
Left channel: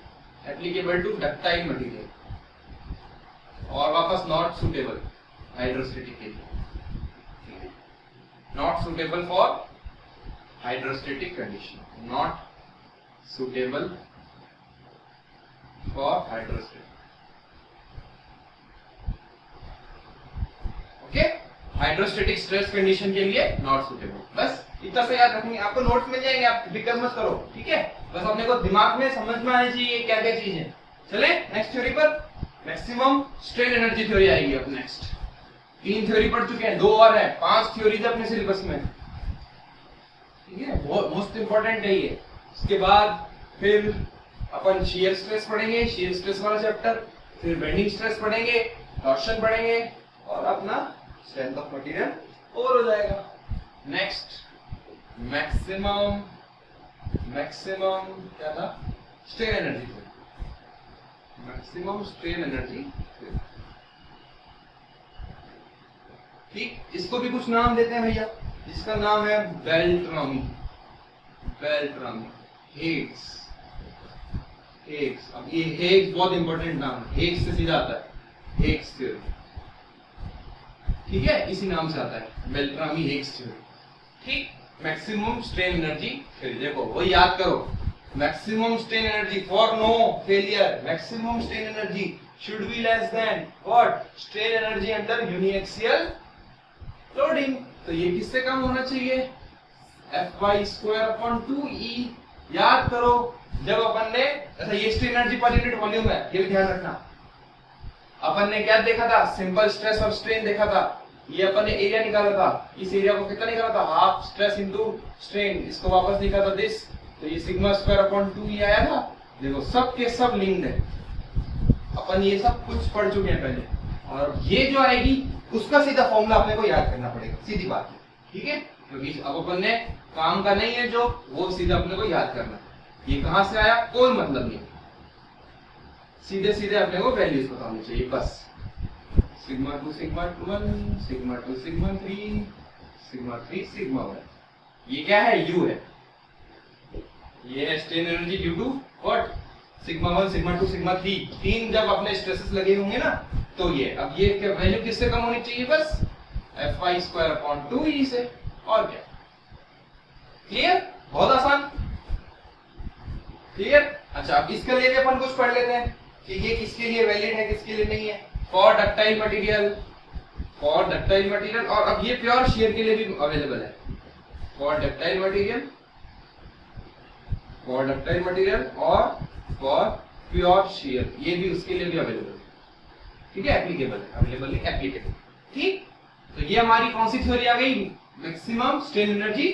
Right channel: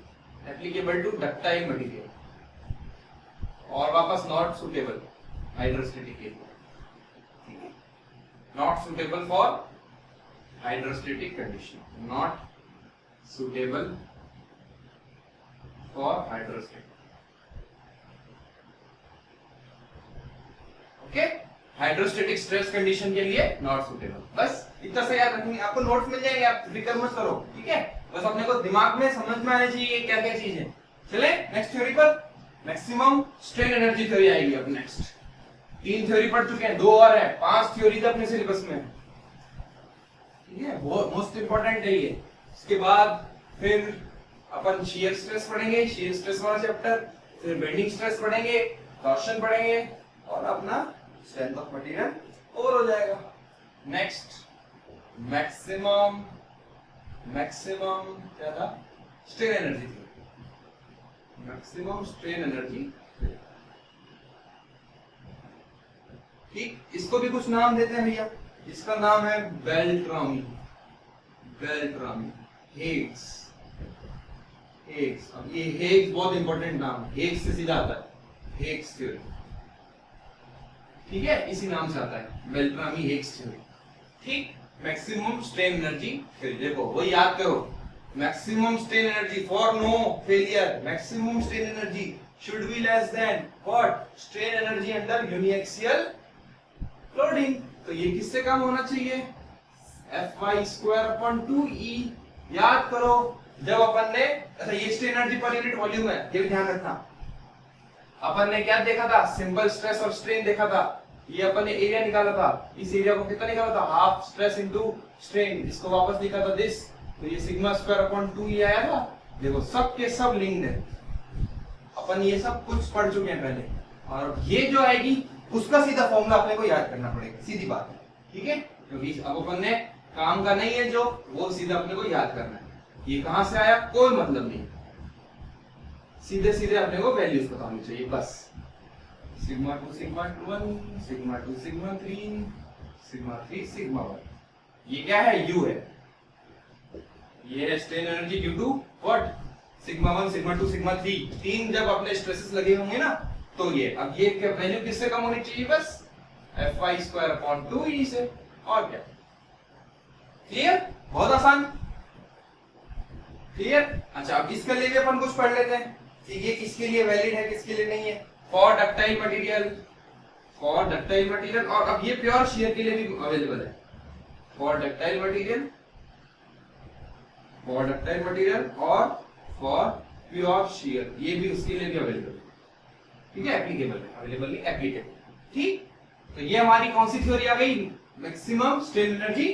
एप्लीकेबल टू डक्टाइल मटेरियल, और वापस नॉट सुटेबल हाइड्रोस्टेटिक के लिए। ठीक है, not suitable for hydrostatic condition, not suitable for hydrostatic. Okay, hydrostatic stress condition के लिए नॉट सुटेबल, बस इतना से याद रखेंगे, आपको नोट्स मिल जाएंगे, आप फिक्र मत करो। ठीक है, बस अपने को दिमाग में समझ में आनी चाहिए क्या क्या चीज है। चले नेक्स्ट थ्योरी पर, मैक्सिमम स्ट्रेन एनर्जी थ्योरी आएगी अब नेक्स्ट। 3 थ्योरी पढ़ चुके हैं, 2 और है, 5 थ्योरीज अपने सिलेबस में। ठीक है, बहुत मोस्ट इंपॉर्टेंट है ये। इसके बाद फिर अपन शियर स्ट्रेस पढ़ेंगे, शियर स्ट्रेस वाला चैप्टर, फिर बेंडिंग स्ट्रेस पढ़ेंगे, टॉर्शन पढ़ेंगे, और अपना स्ट्रेंथ ऑफ मटेरियल ओवर हो जाएगा। नेक्स्ट मैक्सिमम क्या था, strain energy, maximum strain energy. ठीक, इसको भी कुछ नाम देते हैं भैया, इसका नाम है बेल्ट्रामी, बेल्ट्रामी। हेग्स। हेग्स, अब ये हेग्स बहुत इंपॉर्टेंट नाम है, हेग्स से सीधा आता है हेग्स थ्योरी, ठीक है, इसी नाम से आता है बेल्ट्रामी हेग्स थ्योरी, ठीक। मैक्सिमम स्ट्रेन एनर्जी थ्योरी, देखो वो याद करो, maximum strain energy for no failure, maximum strain energy should be less than what, strain energy under uniaxial loading. तो ये किससे कम होना चाहिए, Fy²/2E। याद करो जब अपन ने, अच्छा ये strain energy per unit volume है, ये भी ध्यान रखना। अपन ने क्या देखा था, सिंपल स्ट्रेस और स्ट्रेन देखा था, ये अपन ने एरिया निकाला था, इस एरिया को कितना निकाला था, हाफ स्ट्रेस इनटू स्ट्रेन, इसको वापस लिखा था दिस, तो ये σ²/2E आया था। देखो सब के सब लिंक्ड है, अपन ये सब कुछ पढ़ चुके हैं पहले, और ये जो आएगी उसका सीधा फॉर्मूला अपने को याद करना पड़ेगा, सीधी बात है, ठीक है, क्योंकि अब अपन ने काम का नहीं है जो, वो सीधा अपने को याद करना है। ये कहां से आया कोई मतलब नहीं, सीधे सीधे अपने को वैल्यूज पता होनी चाहिए बस। σ2 σ1 σ2 σ3 σ3 σ1, ये क्या है, U है, ये है strain energy due to what, σ1 σ2 σ3, तीन जब अपने स्ट्रेसेस लगे होंगे ना, तो ये अब ये वैल्यू किससे कम होनी चाहिए, बस Fy²/2E से, और क्या। क्लियर, बहुत आसान, क्लियर। अच्छा अब इसके लिए भी अपन कुछ पढ़ लेते हैं कि ये किसके लिए वैलिड है किसके लिए नहीं है, for ductile material, for ductile material, और अब ये प्योर शियर के लिए भी अवेलेबल है, for ductile material, for ductile material और फॉर प्योर शियर, ये भी उसके लिए भी अवेलेबल है, ठीक है, एप्लीकेबल है, अवेलेबल नहीं एप्लीकेबल, ठीक। तो ये हमारी कौन सी थ्योरी आ गई, मैक्सिमम स्ट्रेन एनर्जी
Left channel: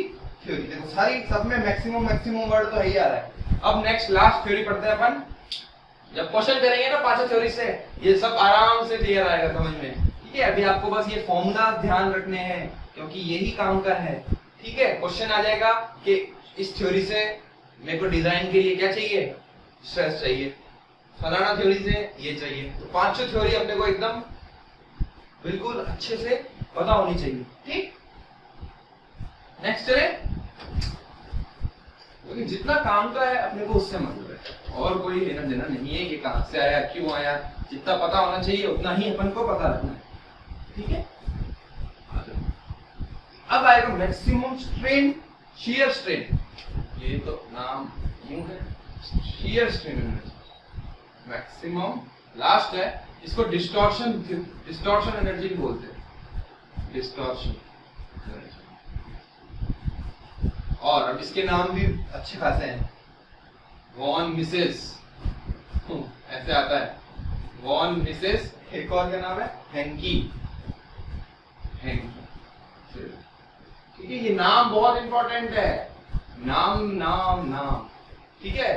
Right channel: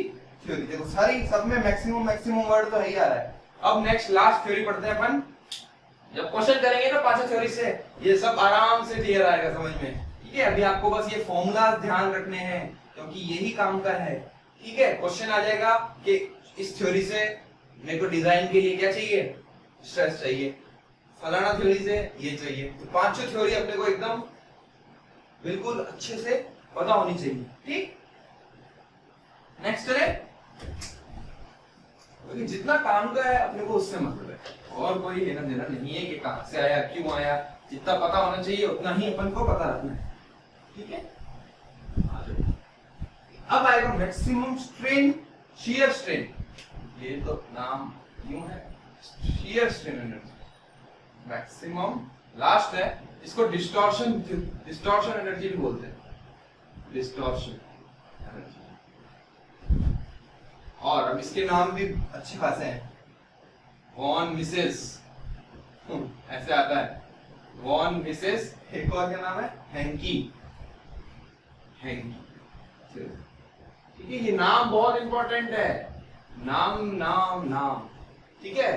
थ्योरी। देखो सारी सब में मैक्सिमम मैक्सिमम वर्ड तो ही आ रहा है। अब नेक्स्ट लास्ट थ्योरी पढ़ते हैं अपन, जब क्वेश्चन करेंगे ना पांचों थ्योरी से, ये सब आराम से क्लियर आएगा समझ में, ठीक है। अभी आपको बस ये फॉर्मूला ध्यान रखने हैं क्योंकि यही काम का है, ठीक है। क्वेश्चन आ जाएगा कि इस थ्योरी से मेरे को डिजाइन के लिए क्या चाहिए, स्ट्रेस चाहिए, फलाना थ्योरी से ये चाहिए, तो पांचों थ्योरी अपने को एकदम बिल्कुल अच्छे से पता होनी चाहिए, ठीक। नेक्स्ट है, क्योंकि जितना काम का है अपने को उससे मतलब है, और कोई लेना देना नहीं है कि कहां से आया क्यों आया, जितना पता होना चाहिए उतना ही अपन को पता रखना है, ठीक है। अब आएगा मैक्सिमम स्ट्रेन, शियर स्ट्रेन, ये तो नाम क्यों है, shear strain energy, maximum last है, इसको डिस्टॉर्शन, डिस्टॉर्शन एनर्जी भी बोलते हैं, डिस्टॉर्शन एनर्जी। और अब इसके नाम भी अच्छे खासे हैं, वॉन मिसेस, ऐसे आता है, वॉन मिसेस, एक और क्या नाम है, हेंकी, हेंकी, ठीक है। ये नाम बहुत इंपॉर्टेंट है, नाम नाम नाम, ठीक है।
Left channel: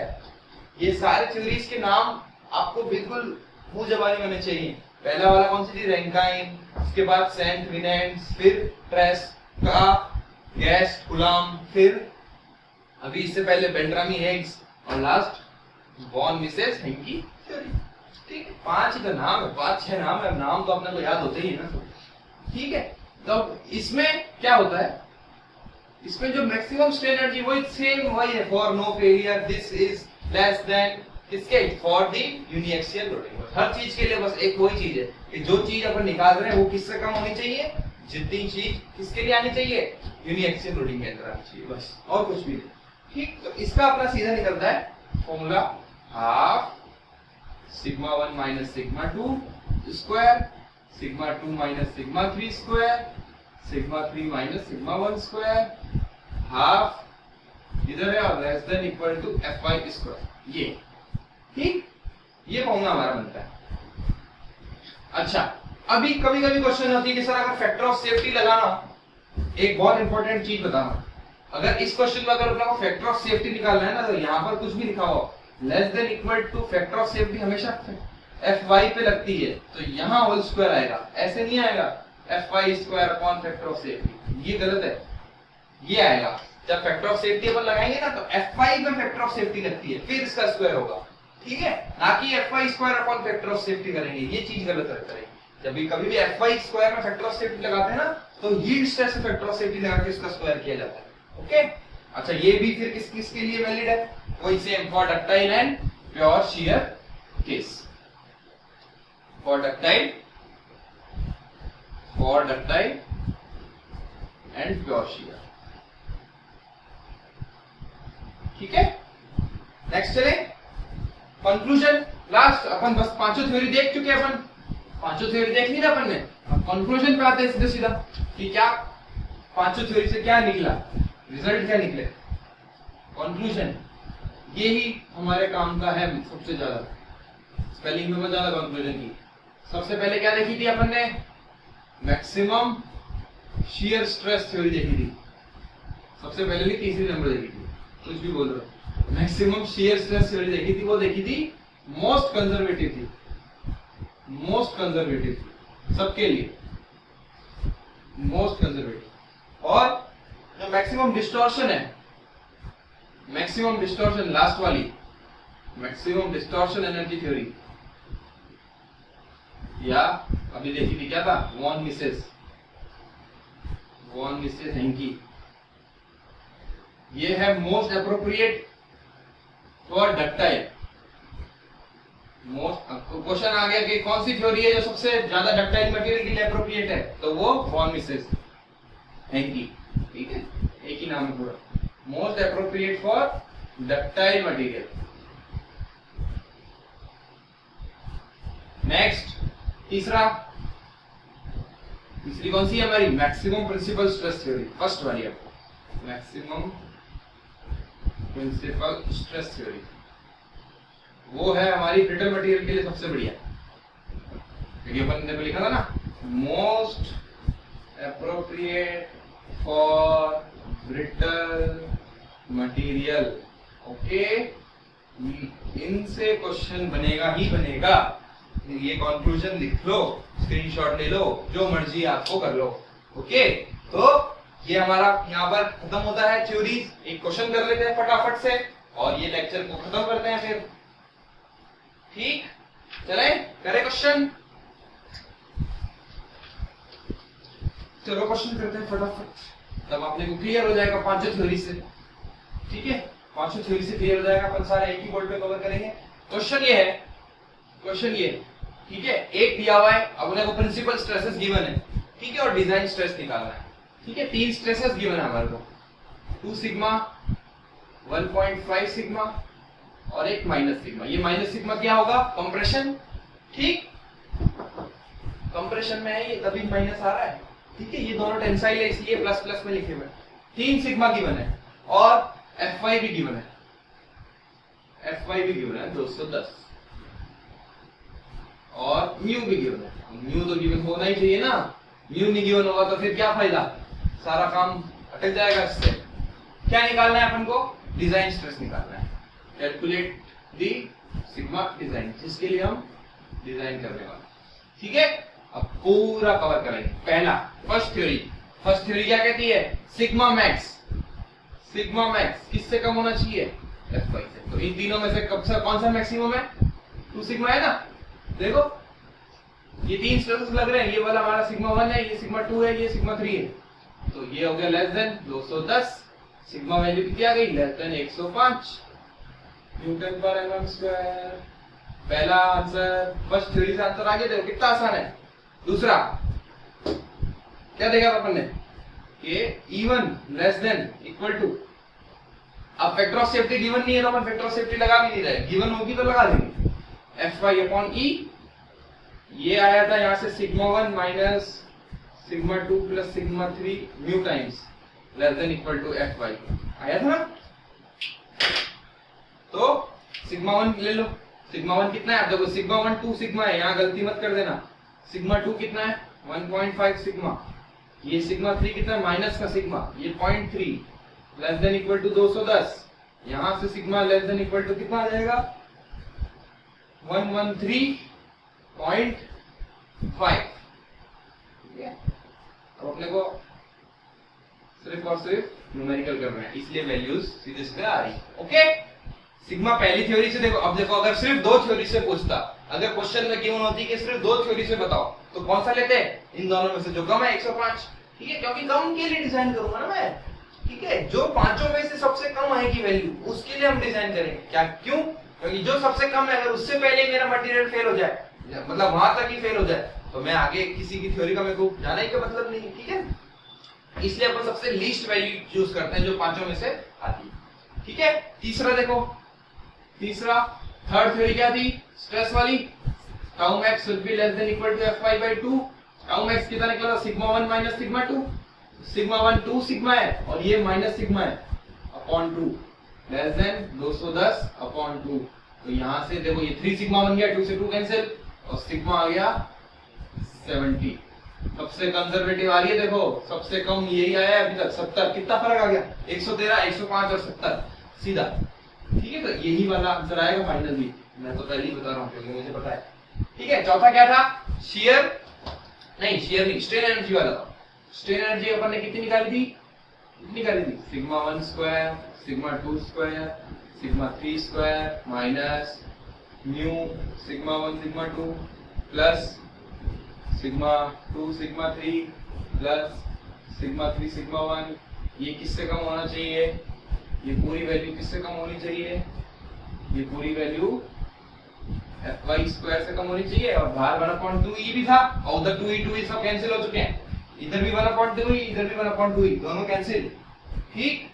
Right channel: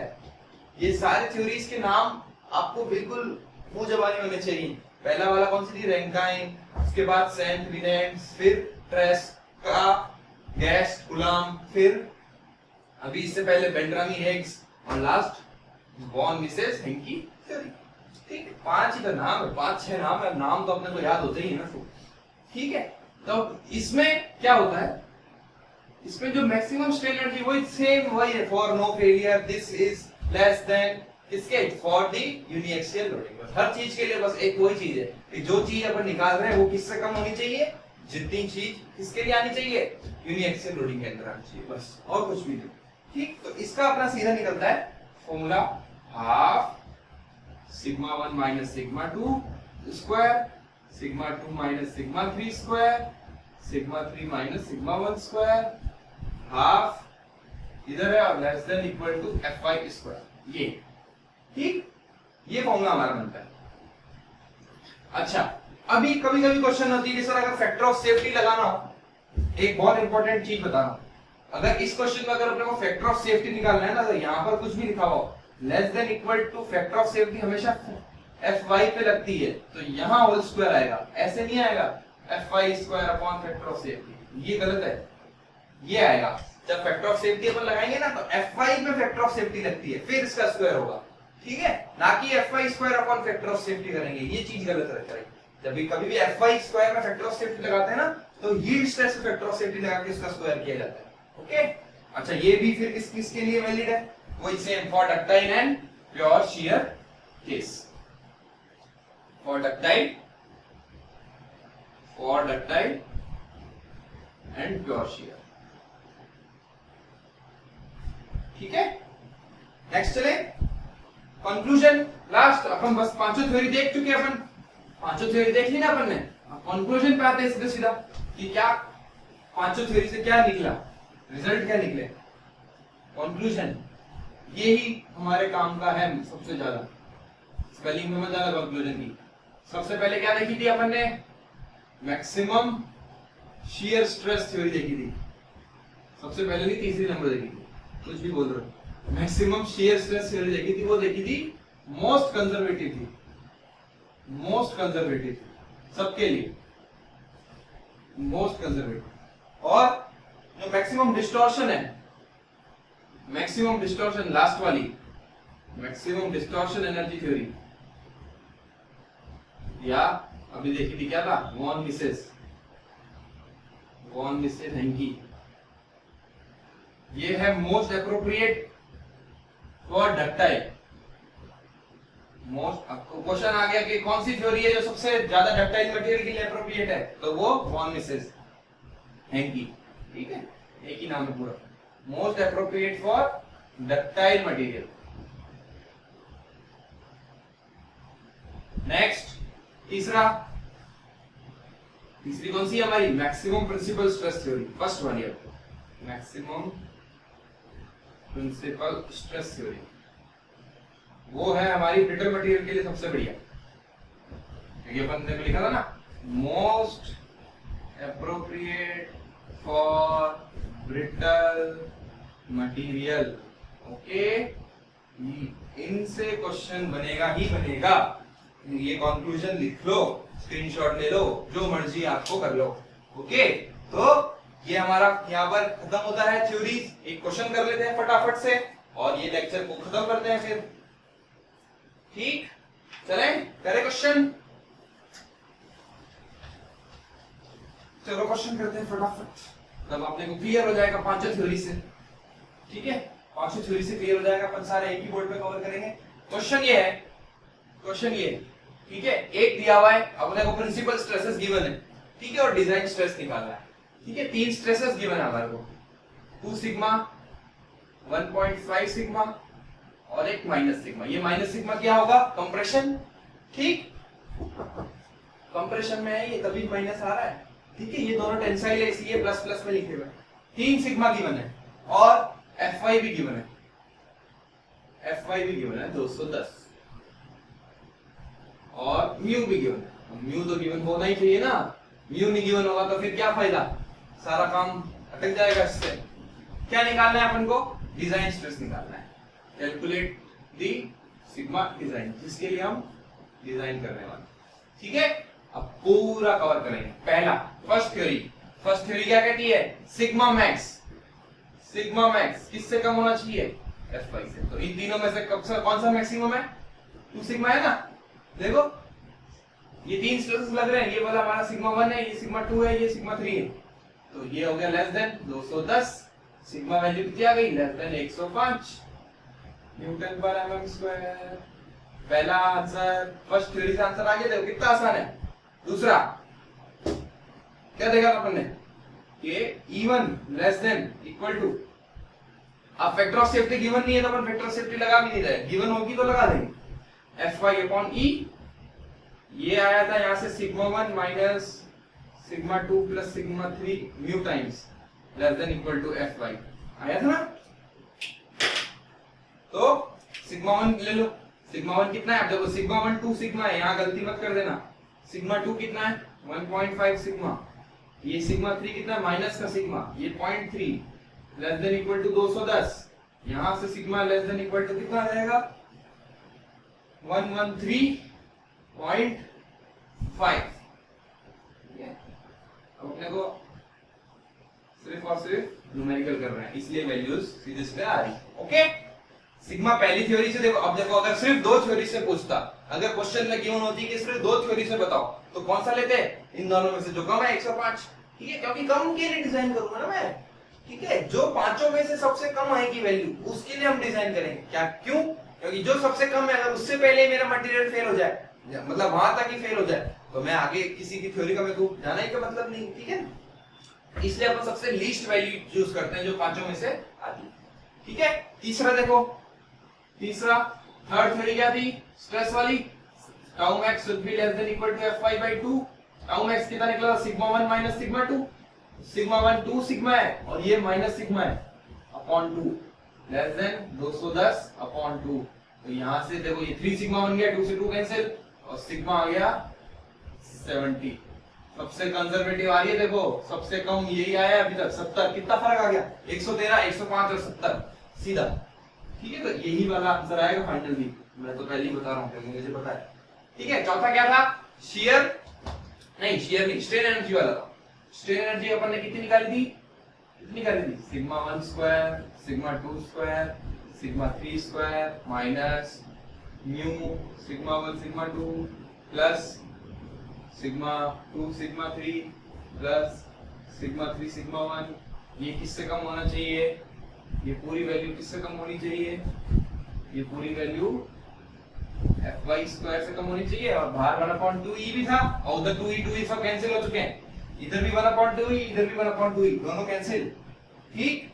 ये सारे थ्योरीज के नाम आपको बिल्कुल मुंह जबानी होने चाहिए। पहला वाला कौन सी थी, रैंकाइन, उसके बाद सेंट विनेंस, फिर ट्रेस्का, गेस्ट, गुलाम, फिर अभी इससे पहले बेल्ट्रामी हेग्स, और last von Mises Hencky theory, ठीक है। पांच ही तो नाम है, 5-6 नाम है, नाम तो अपने को याद होते ही है ना, ठीक है। तो इसमें क्या होता है, इसमें जो मैक्सिमम स्ट्रेन एनर्जी वही सेम वही है, for no failure this is less than किसके, फॉर द यूनिएक्सियल लोडिंग। बस हर चीज के लिए बस एक वही चीज है कि जो चीज अपन निकाल रहे हैं वो किससे कम होनी चाहिए, जितनी चीज किसके लिए आनी चाहिए, यूनिएक्सियल लोडिंग के अंदर आनी चाहिए, बस और कुछ भी नहीं, ठीक। तो इसका अपना सीधा निकलता है formula, half σ1 minus σ2 square, σ2 minus σ3 square, σ3 minus σ1 square, half इधर है और less than equal to Fy square, ये, ठीक। ये फॉर्मूला हमारा बनता है। अच्छा अभी कभी कभी क्वेश्चन होती है कि सर अगर फैक्टर ऑफ सेफ्टी लगाना हो, एक बहुत इंपॉर्टेंट चीज बताना, अगर इस क्वेश्चन में अगर अपने को फैक्टर ऑफ सेफ्टी निकालना है ना, तो यहाँ पर कुछ भी लिखा हो less than equal two factor of safety हमेशा Fy पे लगती है, तो यहाँ होल स्क्वायर आएगा, ऐसे नहीं आएगा Fy square upon factor of safety, ये गलत है, ये आएगा जब फैक्टर ऑफ सेफ्टी अपन लगाएंगे ना, तो Fy में फैक्टर ऑफ सेफ्टी लगती है, फिर इसका स्क्वायर होगा, ठीक है, ना कि Fy square upon factor of safety करेंगे, ये चीज गलत रहता है। जब भी कभी भी Fy स्क्वायर में फैक्टर ऑफ सेफ्टी लगाते हैं ना, तो यील्ड स्ट्रेस से फैक्टर ऑफ सेफ्टी लगा के इसका स्क्वायर किया जाता है, ओके। अच्छा ये भी फिर किसके लिए वैलिड है? वही same for ductile and pure shear case. For ductile and pure shear. ठीक है, नेक्स्ट चले कंक्लूजन। लास्ट अपन बस पांचों थ्योरी देख चुके हैं, अपन पांचों थ्योरी देख ली ना अपन ने। अब कंक्लूजन पे आते हैं सीधा सीधा कि क्या पांचों थ्योरी से क्या निकला, रिजल्ट क्या निकले। कंक्लूजन यही हमारे काम का है सबसे ज्यादा, स्पेलिंग में मत ज्यादा कंक्लूजन की। सबसे पहले क्या देखी थी अपन ने? मैक्सिमम शियर स्ट्रेस थ्योरी देखी थी। सबसे पहले नहीं, तीसरी नंबर देखी थी, कुछ भी बोल रहे हो। मैक्सिमम शियर स्ट्रेस थ्योरी देखी थी, वो देखी थी मोस्ट कंजर्वेटिव थी, मोस्ट कंजर्वेटिव थी सबके लिए, मोस्ट कंजर्वेटिव। और जो मैक्सिमम डिस्टॉर्शन है, मैक्सिमम डिस्टॉर्शन लास्ट वाली, मैक्सिमम डिस्टॉर्शन एनर्जी थ्योरी, या अभी देखी थी क्या था? Von Mises Hencky. ये है most appropriate for ductile. Most question आ गया कि कौन सी थ्योरी है जो सबसे ज्यादा डक्टाइल मटेरियल के लिए एप्रोप्रिएट है, तो वो वॉन मिसेस हेंकी। ठीक है, एक ही नाम है पूरा, most appropriate for ductile material. Next तीसरी कौन सी है हमारी? Maximum principal stress theory, first वाली आपको, मैक्सिमम प्रिंसिपल स्ट्रेस थ्योरी। वो है हमारी ब्रिटल मटेरियल के लिए सबसे बढ़िया, क्योंकि अपन ने लिखा था ना most appropriate for brittle material. Okay, इनसे क्वेश्चन बनेगा ही बनेगा। ये कंक्लूजन लिख लो, स्क्रीनशॉट ले लो, जो मर्जी आपको कर लो। ओके, तो ये हमारा यहाँ पर खत्म होता है थ्योरीज। एक क्वेश्चन कर लेते हैं फटाफट से और ये लेक्चर को खत्म करते हैं फिर। ठीक, चले करे क्वेश्चन। चलो क्वेश्चन करते हैं फटाफट, तब आपने को क्लियर हो जाएगा पांचों थ्योरी से। ठीक है, पांचों थ्योरी से क्लियर हो जाएगा, अपन सारे एक ही बोर्ड पे कवर करेंगे। क्वेश्चन ये है, क्वेश्चन ये, ठीक है, एक दिया हुआ है, अपने को प्रिंसिपल स्ट्रेसेस गिवन है, ठीक है, और डिजाइन स्ट्रेस निकालना है। ठीक है, तीन स्ट्रेसेस गिवन है हमारे को, 2 सिग्मा, 1.5 सिग्मा और एक माइनस सिग्मा। ये माइनस सिग्मा क्या होगा? कंप्रेशन। ठीक, कंप्रेशन में है ये, तभी माइनस आ रहा है। ठीक है, ये दोनों टेंसाइल है इसलिए प्लस प्लस में लिखे हुए। 3 सिग्मा गिवन है और Fy भी गिवन है, Fy भी गिवन है 210 और म्यू भी गिवन है। म्यू तो गिवन होना ही चाहिए ना, म्यू नहीं गिवन होगा तो फिर क्या फायदा, सारा काम अटक जाएगा। इससे क्या निकालना है अपन को? डिजाइन स्ट्रेस निकालना है। कैलकुलेट दी सिग्मा डिजाइन, जिसके लिए हम डिजाइन करने वाले। ठीक है, अब पूरा कवर करेंगे। पहला फर्स्ट थ्योरी क्या कहती है? सिग्मा मैक्स किससे कम होना चाहिए? Fy से। तो इन तीनों में से कौन सा मैक्सिमम है? 2 सिग्मा है ना। देखो ये 3 स्ट्रेसेस लग रहे हैं, ये वाला हमारा सिग्मा 1 है, ये सिग्मा 2 है, ये सिग्मा 3 है। तो ये हो गया लेस देन 210। सिग्मा वैल्यू कितनी आ गई? लेस देन 105 न्यूटन पर एमएम स्क्वायर। पहला आंसर, फर्स्ट थ्योरी से आंसर आ गया। देखो कितना आसान है। दूसरा क्या देखा अपन ने कि E1 less than equal to, अब फैक्टर ऑफ सेफ्टी गिवन नहीं है तो अपन फैक्टर ऑफ सेफ्टी लगा भी नहीं रहे, गिवन होगी तो लगा देंगे। Fy अपॉन E, ये आया था यहां से sigma 1 minus sigma 2 plus sigma 3 mu times less than equal to Fy आया था ना। तो सिग्मा 1 ले लो। सिग्मा 1 कितना है? अब देखो सिग्मा 1 2 सिग्मा है, यहां गलती मत कर देना। सिग्मा 2 कितना है? 1.5 सिग्मा। ये सिग्मा 3 कितना है? माइनस का सिग्मा, ये 0.3 लेस देन इक्वल टू 210। यहां से sigma less than equal to कितना आ जाएगा? 113.5। ठीक है, अब अपने को सिर्फ और सिर्फ न्यूमेरिकल कर रहे हैं, इसलिए वैल्यूज सीधे सीधे आ रही। ओके, सिग्मा पहली थ्योरी से देखो। अब देखो अगर सिर्फ 2 थ्योरी से पूछता, अगर क्वेश्चन में गिवन होती कि सिर्फ 2 थ्योरी से बताओ, तो कौन सा लेते? इन दोनों में से जो कम है 105। ठीक है, क्योंकि कम के लिए डिजाइन करूंगा ना मैं, ठीक है, जो पांचों में से सबसे कम आएगी वैल्यू उसके लिए हम डिजाइन करेंगे। क्या, क्यों? क्योंकि जो सबसे कम है, अगर उससे पहले मेरा मटेरियल फेल हो जाए, मतलब वहां तक ही फेल हो जाए, तो मैं आगे किसी की थ्योरी का मेरे को जाना ही का मतलब नहीं। ठीक है, इसलिए अपन सबसे लीस्ट वैल्यू चूज करते हैं जो पांचों में से आती है। ठीक है, तीसरा देखो, तीसरा थर्ड थ्योरी क्या थी स्ट्रेस वाली? Tau max should be less than equal to Fy/2। Tau max कितना निकला? Sigma 1 minus sigma 2। Sigma 1 2 sigma है और ये माइनस सिग्मा है अपॉन 2, लेस देन 210 अपॉन 2। तो यहां से देखो ये 3 सिग्मा बन गया, 2 से 2 कैंसिल और सिग्मा आ गया 70। सबसे कंजर्वेटिव आ रही है, देखो सबसे कम यही आया है अभी तक 70। कितना फर्क आ गया? 113, 105 और 70 सीधा। ठीक है, तो यही वाला आंसर आएगा फाइनल भी। मैं तो पहले ही बता रहा हूं क्योंकि मुझे पता है। ठीक है, चौथा क्या था? शियर नहीं, स्ट्रेन एनर्जी वाला था। स्ट्रेन एनर्जी अपन ने कितनी निकाली थी? कितनी निकाली थी? Sigma 1 square, sigma 2 square, sigma 3 square minus mu sigma 1 sigma 2 plus sigma 2 sigma 3 plus sigma 3 sigma 1। ये किससे कम होना चाहिए? ये पूरी वैल्यू किससे कम होनी चाहिए? ये पूरी वैल्यू Fy स्क्वायर से कम होनी चाहिए। और बाहर 1/2e भी था और उधर 2e सब कैंसिल हो चुके हैं। इधर भी 1/2e, इधर भी 1/2e, दोनों कैंसिल। ठीक,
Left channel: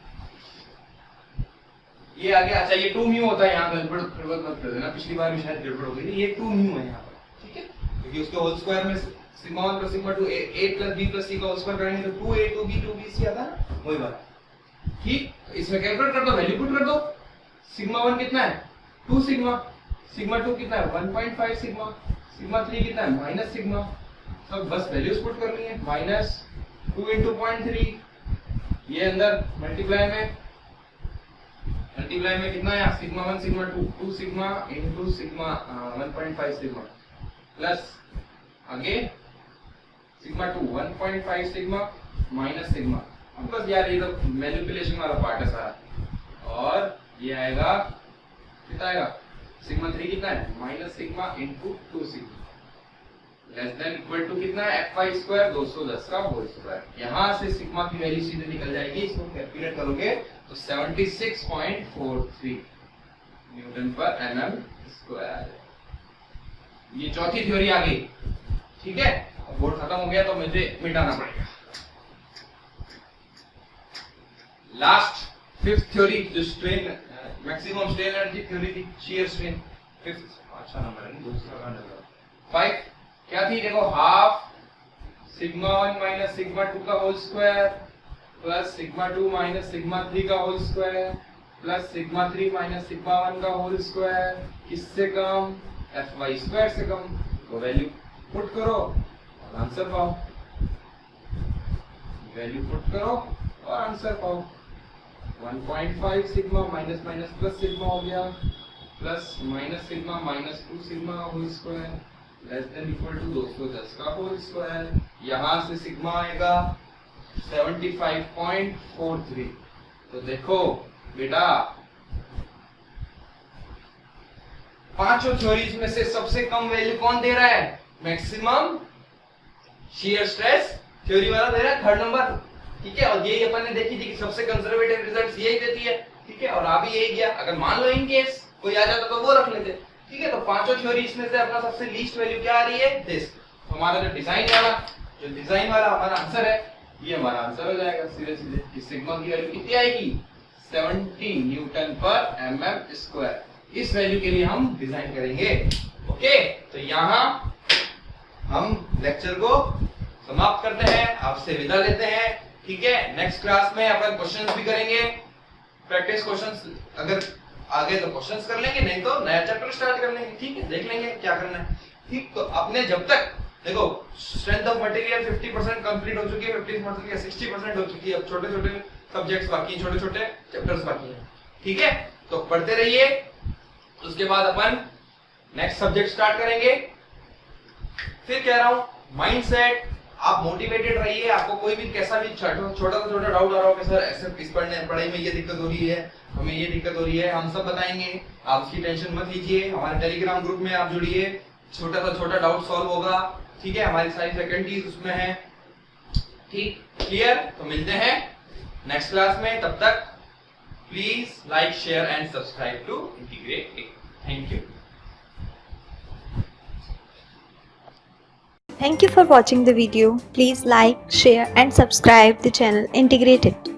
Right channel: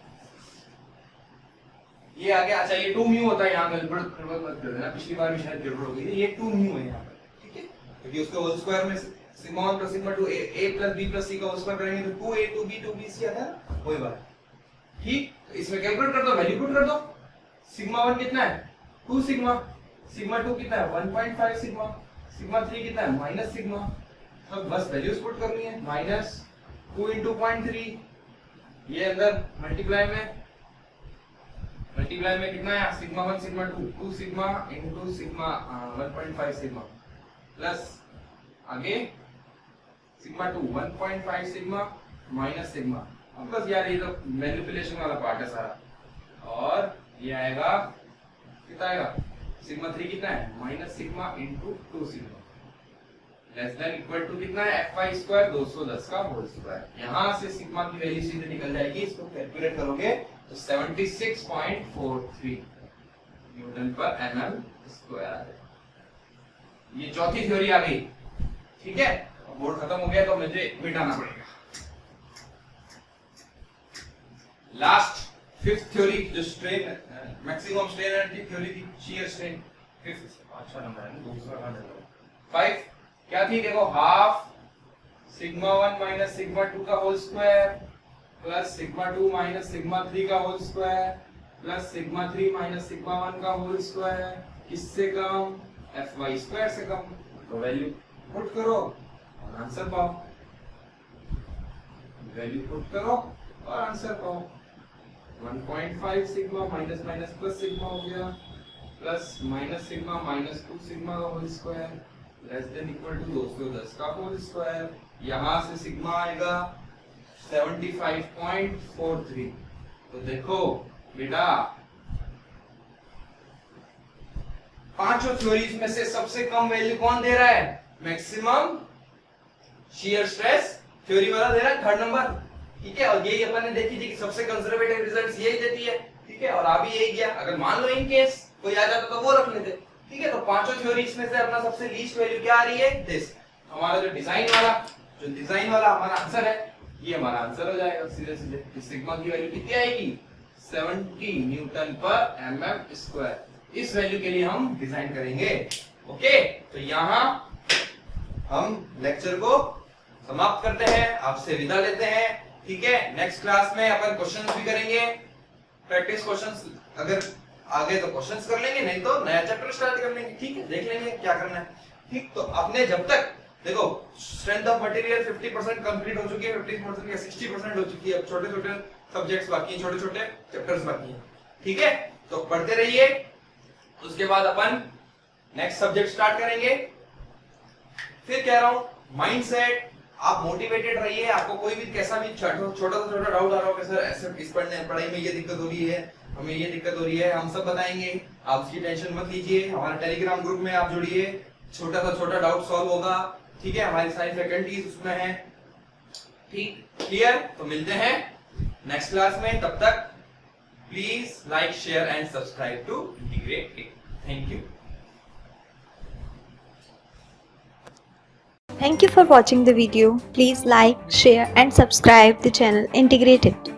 ये आ गया। अच्छा, ये 2 म्यू होता है, यहाँ गड़बड़ मत कर देना, पिछली बार भी शायद गड़बड़ हो गई थी। ये 2 म्यू है यहाँ पर। ठीक है, क्योंकि उसके होल स्क्वायर में sigma 1 plus sigma 2 a plus b plus c का होल स्क्वायर करेंगे तो 2a 2b 2bc आता है ना, वही वाला। ठीक, तो इसमें कैलकुलेट कर दो, वैल्यू पुट कर दो। सिग्मा 1 कितना है? 2 सिग्मा। सिग्मा 2 कितना है? 1.5 सिग्मा। सिग्मा 3 कितना है? Minus sigma. सब बस वैल्यूज पुट करनी है। माइनस 2 into 0.3, ये अंदर मल्टीप्लाई में कितना है? Sigma 1 sigma 2 2 sigma into sigma 1.5 sigma plus आगे सिग्मा 2 1.5 सिग्मा माइनस सिग्मा। अब बस यार ये तो मैनिपुलेशन वाला पार्ट है सारा। और ये आएगा कितना आएगा? सिग्मा 3 कितना है? Minus sigma into 2 sigma less than equal to कितना है? Fy स्क्वायर 210 का होल स्क्वायर। यहां से सिग्मा की वैल्यू सीधे निकल जाएगी। इसको कैलकुलेट करोगे तो 76.43 न्यूटन पर mm स्क्वायर आ जाएगा। ये चौथी थ्योरी आ गई। ठीक है, बोर्ड खत्म हो गया तो मुझे मिटाना पड़ेगा। लास्ट फिफ्थ थ्योरी जो strain maximum strain energy theory थी, शियर स्ट्रेन। फिफ्थ अच्छा नंबर है, दूसरा का नंबर 5 क्या थी? देखो, हाफ सिग्मा 1 माइनस सिग्मा 2 का whole square plus sigma 2 minus sigma 3 का whole square plus sigma 3 minus sigma 1 का होल स्क्वायर। किससे कम? Fy स्क्वायर से कम। तो वैल्यू पुट करो और आंसर पाओ। वैल्यू पुट करो और आंसर पाओ। 1.5 sigma minus minus plus sigma हो गया plus minus sigma minus 2 sigma का whole square less than equal to 210 का होल स्क्वायर। यहां से सिग्मा आएगा 75.43। तो देखो बेटा, पांचों थ्योरीज में से सबसे कम वैल्यू कौन दे रहा है? मैक्सिमम शियर स्ट्रेस थ्योरी वाला दे रहा है, थर्ड नंबर। ठीक है, और यही अपन ने देखी थी कि सबसे कंजर्वेटिव रिजल्ट्स यही देती है। ठीक है, और आ भी यही गया। अगर मान लो इन केस कोई आ जाता तो वो रख लेते। ठीक है, तो पांचों थ्योरीज में से अपना सबसे लीस्ट वैल्यू क्या आ रही है? दिस। हमारा जो डिजाइन वाला हमारा आंसर है, ये हमारा आंसर हो जाएगा सीधे सीधे कि सिग्मा की वैल्यू कितनी आएगी? 70 न्यूटन पर mm स्क्वायर। इस वैल्यू के लिए हम डिजाइन करेंगे। ओके, तो यहाँ हम लेक्चर को समाप्त करते हैं, आपसे विदा लेते हैं। ठीक है, नेक्स्ट क्लास में अपन क्वेश्चंस भी करेंगे, प्रैक्टिस क्वेश्चंस। अगर आगे तो क्वेश्चंस कर लेंगे, नहीं तो नया चैप्टर स्टार्ट कर लेंगे। ठीक है, देख लेंगे क्या करना है। ठीक, तो अपने जब तक देखो स्ट्रेंथ ऑफ मटेरियल 50% कंप्लीट हो चुकी है, 50% या 60% हो चुकी है। अब छोटे छोटे सब्जेक्ट्स बाकी हैं, छोटे छोटे चैप्टर्स बाकी हैं। ठीक है, तो पढ़ते रहिए। उसके बाद अपन नेक्स्ट सब्जेक्ट स्टार्ट करेंगे। फिर कह रहा हूं, माइंडसेट, आप मोटिवेटेड रहिए। आपको कोई भी कैसा भी छोटा सा डाउट आ रहा हो कि सर ऐसे इस पढ़ाई में ये दिक्कत हो रही है, हमें ये दिक्कत हो रही है, हम सब बताएंगे। आप उसकी टेंशन मत लीजिए। हमारे टेलीग्राम ग्रुप में आप जुड़िए, छोटा डाउट सॉल्व होगा। ठीक है, हमारी सारी फैकल्टीज उसमें हैं। ठीक, क्लियर? तो मिलते हैं नेक्स्ट क्लास में। तब तक please like, share and subscribe to integrate it. Thank you. Thank you for watching the video. Please like, share and subscribe the channel Integrated.